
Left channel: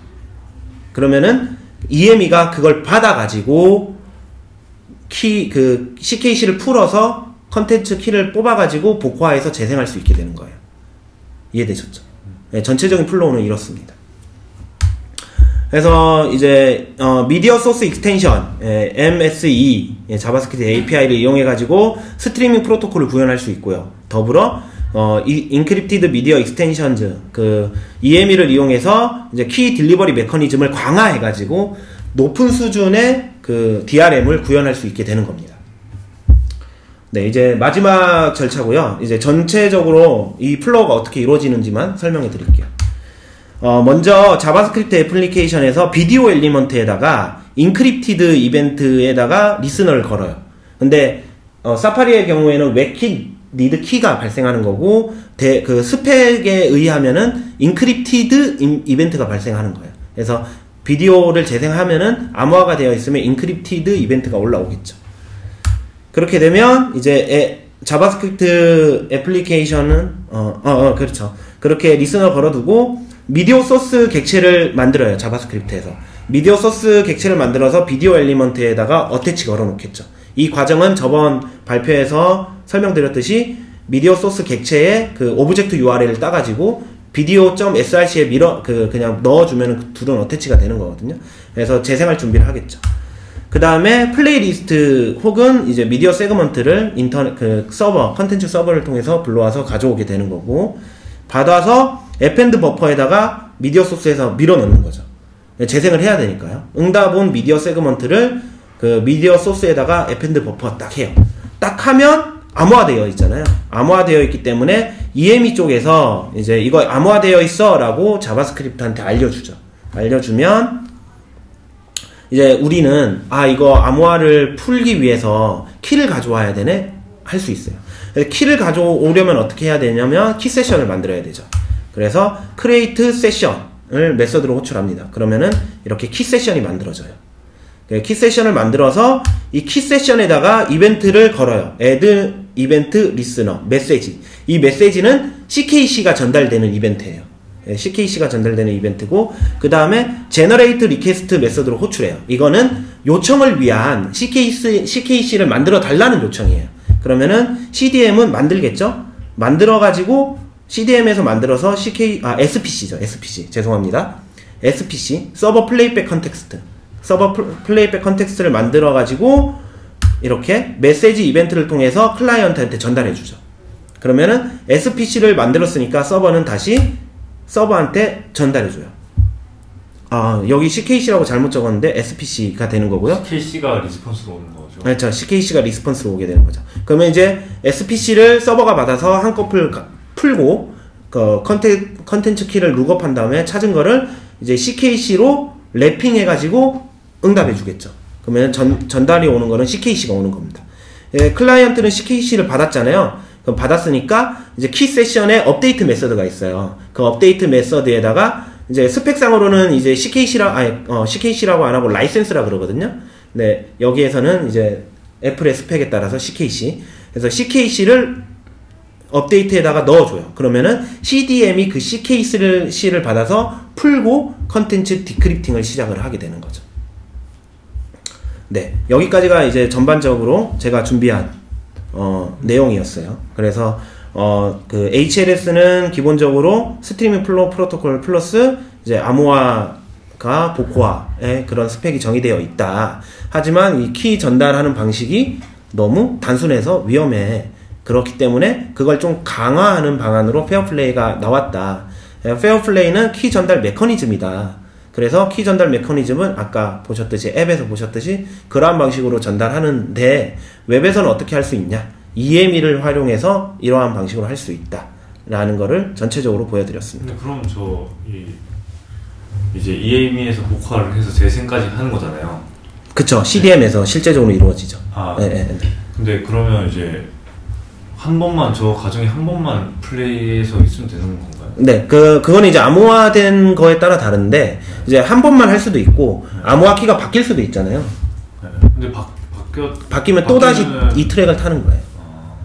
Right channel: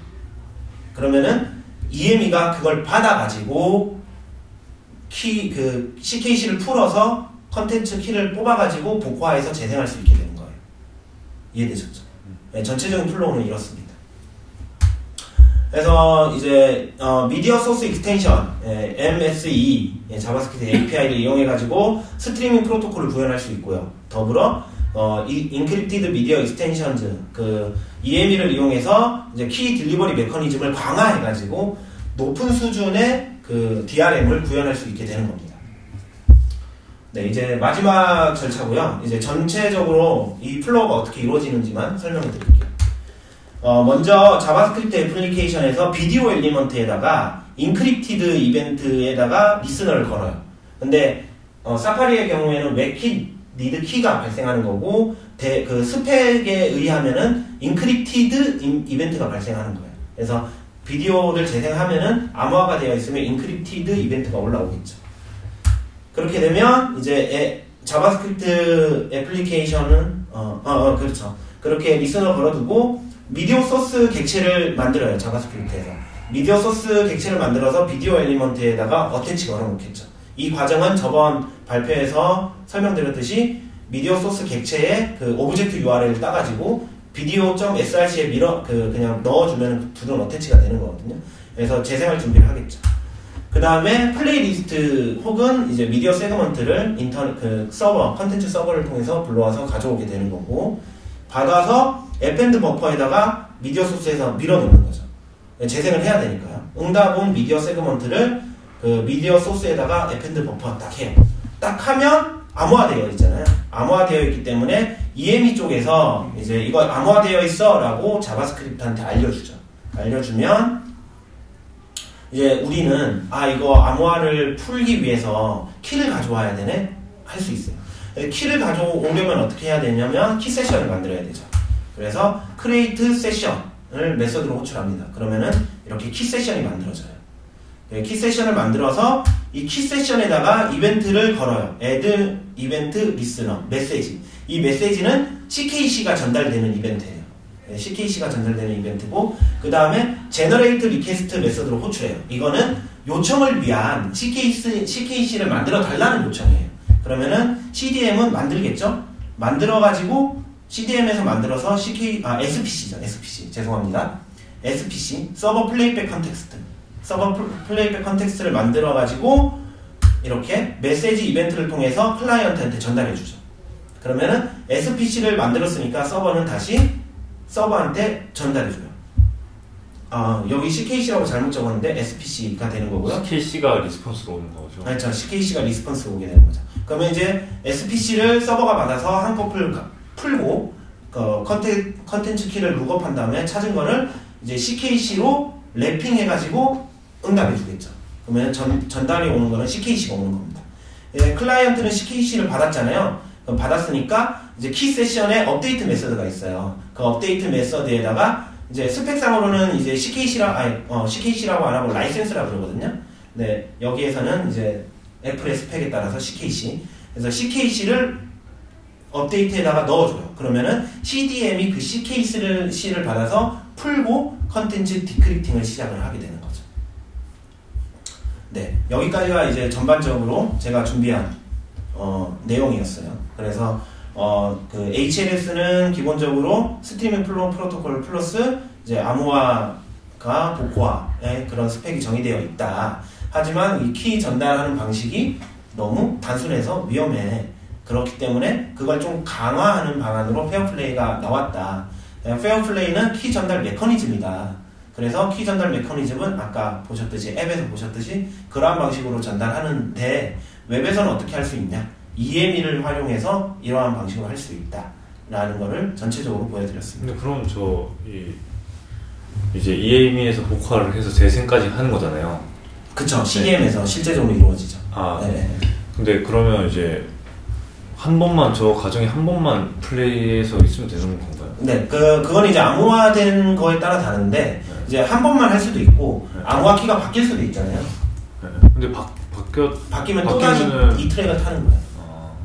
그러면은 EME가 그걸 받아가지고 그 CKC를 풀어서 컨텐츠 키를 뽑아가지고 복화해서 재생할 수 있게 되는 거예요. 이해되셨죠? 네, 전체적인 플로우는 이렇습니다. 그래서 이제 미디어 소스 익스텐션 MSE 자바스크립트 API를 이용해가지고 스트리밍 프로토콜을 구현할 수 있고요. 더불어 인크립티드 미디어 익스텐션즈 그 EME를 이용해서 이제 키 딜리버리 메커니즘을 강화해가지고 높은 수준의 그 DRM을 구현할 수 있게 되는 겁니다. 네, 이제 마지막 절차고요. 이제 전체적으로 이 플로우가 어떻게 이루어지는지만 설명해 드릴게요. 먼저 자바스크립트 애플리케이션에서 비디오 엘리먼트에다가 인크립티드 이벤트에다가 리스너를 걸어요. 근데 사파리의 경우에는 웹킷 리드 키가 발생하는 거고 그 스펙에 의하면은 인크립티드 이벤트가 발생하는 거예요. 그래서 비디오를 재생하면은 암호화가 되어 있으면 인크립티드 이벤트가 올라오겠죠. 그렇게 되면 이제 자바스크립트 애플리케이션은 그렇죠. 그렇게 리스너 걸어두고 미디어 소스 객체를 만들어요. 자바스크립트에서 미디어 소스 객체를 만들어서 비디오 엘리먼트에다가 어태치 걸어놓겠죠. 이 과정은 저번 발표에서 설명드렸듯이 미디어 소스 객체에 그 오브젝트 URL을 따가지고 video.src에 그냥 넣어주면 둘은 어태치가 되는 거거든요. 그래서 재생할 준비를 하겠죠. 그 다음에 플레이리스트 혹은 이제 미디어 세그먼트를 서버, 컨텐츠 서버를 통해서 불러와서 가져오게 되는 거고, 받아서 append 버퍼에다가 미디어 소스에서 밀어넣는 거죠. 재생을 해야 되니까요. 응답 미디어 세그먼트를 그 미디어 소스에다가 append 버퍼 딱 해요. 딱 하면 암호화되어 있잖아요. 암호화되어 있기 때문에 EME 쪽에서 이제 이거 암호화되어 있어 라고 자바스크립트한테 알려주죠. 알려주면 이제 우리는 이거 암호화를 풀기 위해서 키를 가져와야 되네? 할 수 있어요. 키를 가져오려면 어떻게 해야 되냐면 키 세션을 만들어야 되죠. 그래서 create session을 메서드로 호출합니다. 그러면은 이렇게 키 세션이 만들어져요. 키 세션을 만들어서 이 키 세션에다가 이벤트를 걸어요. add event listener 메시지. 이 메시지는 CKC가 전달되는 이벤트예요. CKC가 전달되는 이벤트고, 그 다음에 generate request 메서드로 호출해요. 이거는 요청을 위한 CKC를 만들어 달라는 요청이에요. 그러면은 CDM은 만들겠죠? 만들어가지고 CDM에서 만들어서 SPC죠. SPC. 죄송합니다. SPC. 서버 플레이백 컨텍스트. 서버 플레이백 컨텍스트를 만들어가지고 이렇게 메시지 이벤트를 통해서 클라이언트한테 전달해주죠. 그러면은 SPC를 만들었으니까 서버는 다시 서버한테 전달해줘요. 여기 CKC라고 잘못 적었는데 SPC가 되는 거고요. CKC가 리스폰스로 오는 거죠. 그렇죠. CKC가 리스폰스로 오게 되는 거죠. 그러면 이제 SPC를 서버가 받아서 한꺼풀 풀고 그 컨텐츠 키를 룩업한 다음에 찾은 거를 이제 CKC로 랩핑 해가지고 응답해 주겠죠. 그러면 전달이 오는 거는 CKC가 오는 겁니다. 클라이언트는 CKC를 받았잖아요. 그럼 받았으니까 이제 키 세션에 업데이트 메서드가 있어요. 그 업데이트 메서드에다가 이제 스펙상으로는 이제 CKC라고 안 하고 라이센스라 그러거든요. 네, 여기에서는 이제 애플의 스펙에 따라서 CKC. 그래서 CKC를 업데이트에다가 넣어줘요. 그러면은 CDM이 그 CKC를 받아서 풀고 컨텐츠 디크립팅을 시작을 하게 되는 거죠. 네, 여기까지가 이제 전반적으로 제가 준비한 내용이었어요. 그래서 그 HLS는 기본적으로 스트리밍 플로우 프로토콜 플러스 이제 아모아가 보코아의 그런 스펙이 정의되어 있다. 하지만 이 키 전달하는 방식이 너무 단순해서 위험해. 그렇기 때문에 그걸 좀 강화하는 방안으로 페어플레이가 나왔다. 페어플레이는 키 전달 메커니즘이다. 그래서 키 전달 메커니즘은 아까 보셨듯이 앱에서 보셨듯이 그러한 방식으로 전달하는데 웹에서는 어떻게 할 수 있냐? EME를 활용해서 이러한 방식으로 할 수 있다. 라는 거를 전체적으로 보여드렸습니다. 근데 그럼 이제 EME에서 복화를 해서 재생까지 하는 거잖아요. 그쵸. CDM에서 네. 실제적으로 이루어지죠. 네. 근데 그러면 이제 한 번만 저 가정에 한 번만 플레이해서 있으면 되는 건가요? 네, 그거는 이제 암호화된 거에 따라 다른데 네. 이제 한 번만 할 수도 있고 네. 암호화 키가 바뀔 수도 있잖아요. 네. 근데 바뀌면 또 다시 이 트랙을 타는 거예요.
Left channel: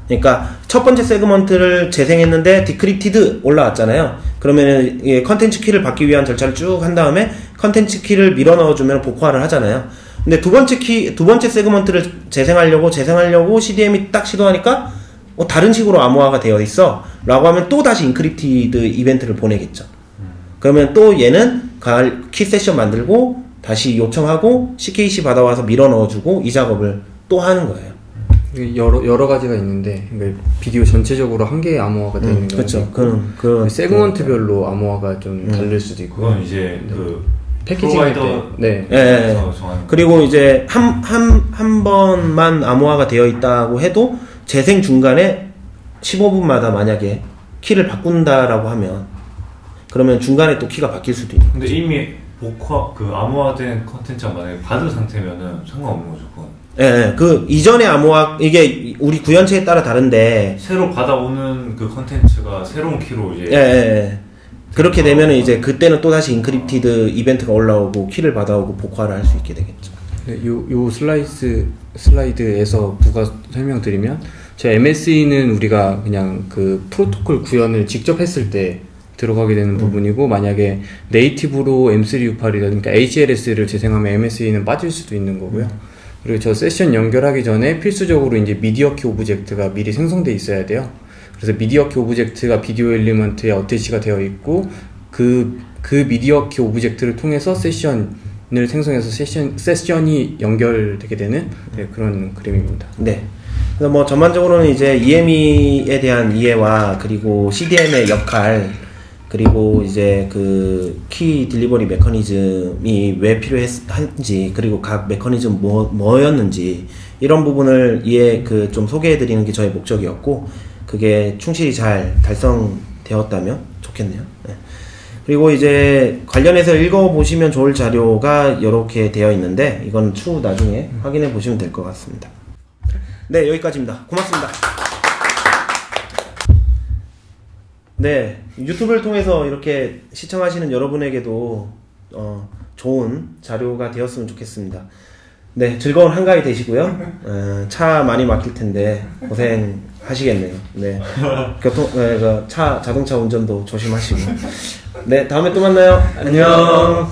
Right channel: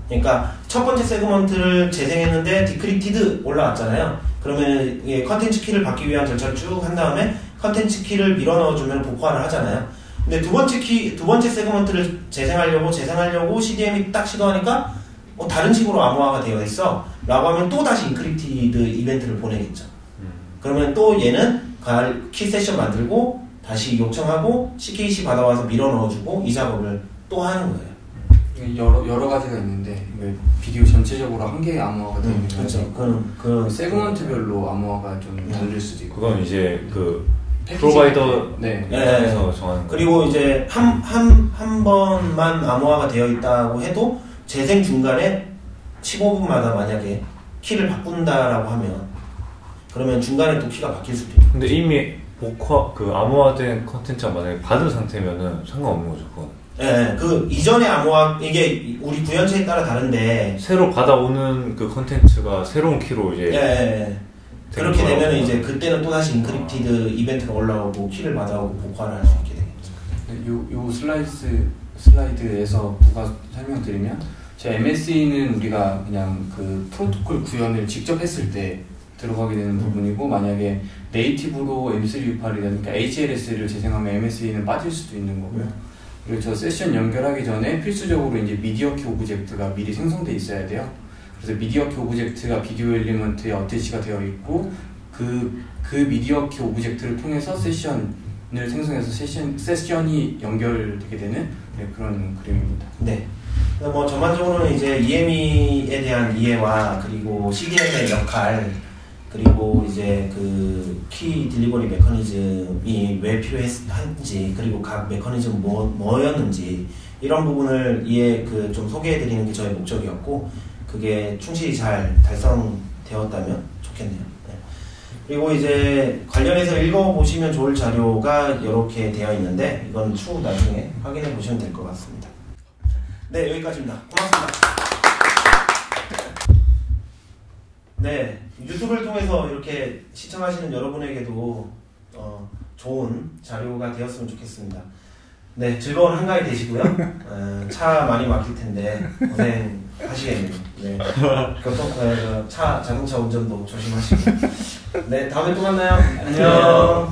그러니까 첫 번째 세그먼트를 재생했는데 디크립티드 올라왔잖아요. 그러면 컨텐츠 키를 받기 위한 절차를 쭉 한 다음에 컨텐츠 키를 밀어 넣어주면 복화를 하잖아요. 근데 두 번째 세그먼트를 재생하려고 CDM이 딱 시도하니까 다른 식으로 암호화가 되어 있어 라고 하면 또 다시 인크립티드 이벤트를 보내겠죠. 그러면 또 얘는 키 세션 만들고 다시 요청하고 CKC 받아와서 밀어 넣어주고 이 작업을 또 하는 거예요. 여러 가지가 있는데 비디오 전체적으로 한 개의 암호화가 되어 있는 거죠. 그런 세그먼트별로 암호화가 좀 다를 수도 있고 그건 이제 그 프로바이더 네. 그리고 이제 한 번만 암호화가 되어 있다고 해도 재생 중간에 15분마다 만약에 키를 바꾼다라고 하면 그러면 중간에 또 키가 바뀔 수도 있는. 근데 이미 암호화된 컨텐츠가 만약에 받은 상태면은 상관없는 거죠, 그건. 예, 그 이전의 암호화 이게 우리 구현체에 따라 다른데 새로 받아오는 그 컨텐츠가 새로운 키로 이제 그렇게 되면 이제 그때는 또 다시 인크립티드 이벤트가 올라오고 키를 받아오고 복화를 할 수 있게 되겠죠. 요 슬라이드에서 부가 설명드리면 제 MSE는 우리가 그냥 그 프로토콜 구현을 직접 했을 때 들어가게 되는 부분이고 만약에 네이티브로 M3U8이라든가 HLS를 재생하면 MSE는 빠질 수도 있는 거고요. 그리고 저 세션 연결하기 전에 필수적으로 이제 미디어 키 오브젝트가 미리 생성돼 있어야 돼요. 그래서 미디어 키 오브젝트가 비디오 엘리먼트에 어태치가 되어 있고 그 미디어 키 오브젝트를 통해서 세션을 생성해서 세션이 연결되게 되는 그런 그림입니다. 네. 그래서 뭐 전반적으로는 이제 EME에 대한 이해와 그리고 CDM의 역할 그리고 이제 그 키 딜리버리 메커니즘이 왜 필요한지 그리고 각 메커니즘 뭐였는지 이런 부분을 좀 소개해드리는 게 저의 목적이었고 그게 충실히 잘 달성되었다면 좋겠네요. 네. 그리고 이제 관련해서 읽어보시면 좋을 자료가 이렇게 되어 있는데 이건 추후 나중에 확인해 보시면 될 것 같습니다. 네, 여기까지입니다. 고맙습니다. 네, 유튜브를 통해서 이렇게 시청하시는 여러분에게도 좋은 자료가 되었으면 좋겠습니다. 네, 즐거운 한가위 되시고요. 차 많이 막힐 텐데 고생하시겠네요. 네, 자동차 운전도 조심하시고. 네, 다음에 또 만나요. 안녕.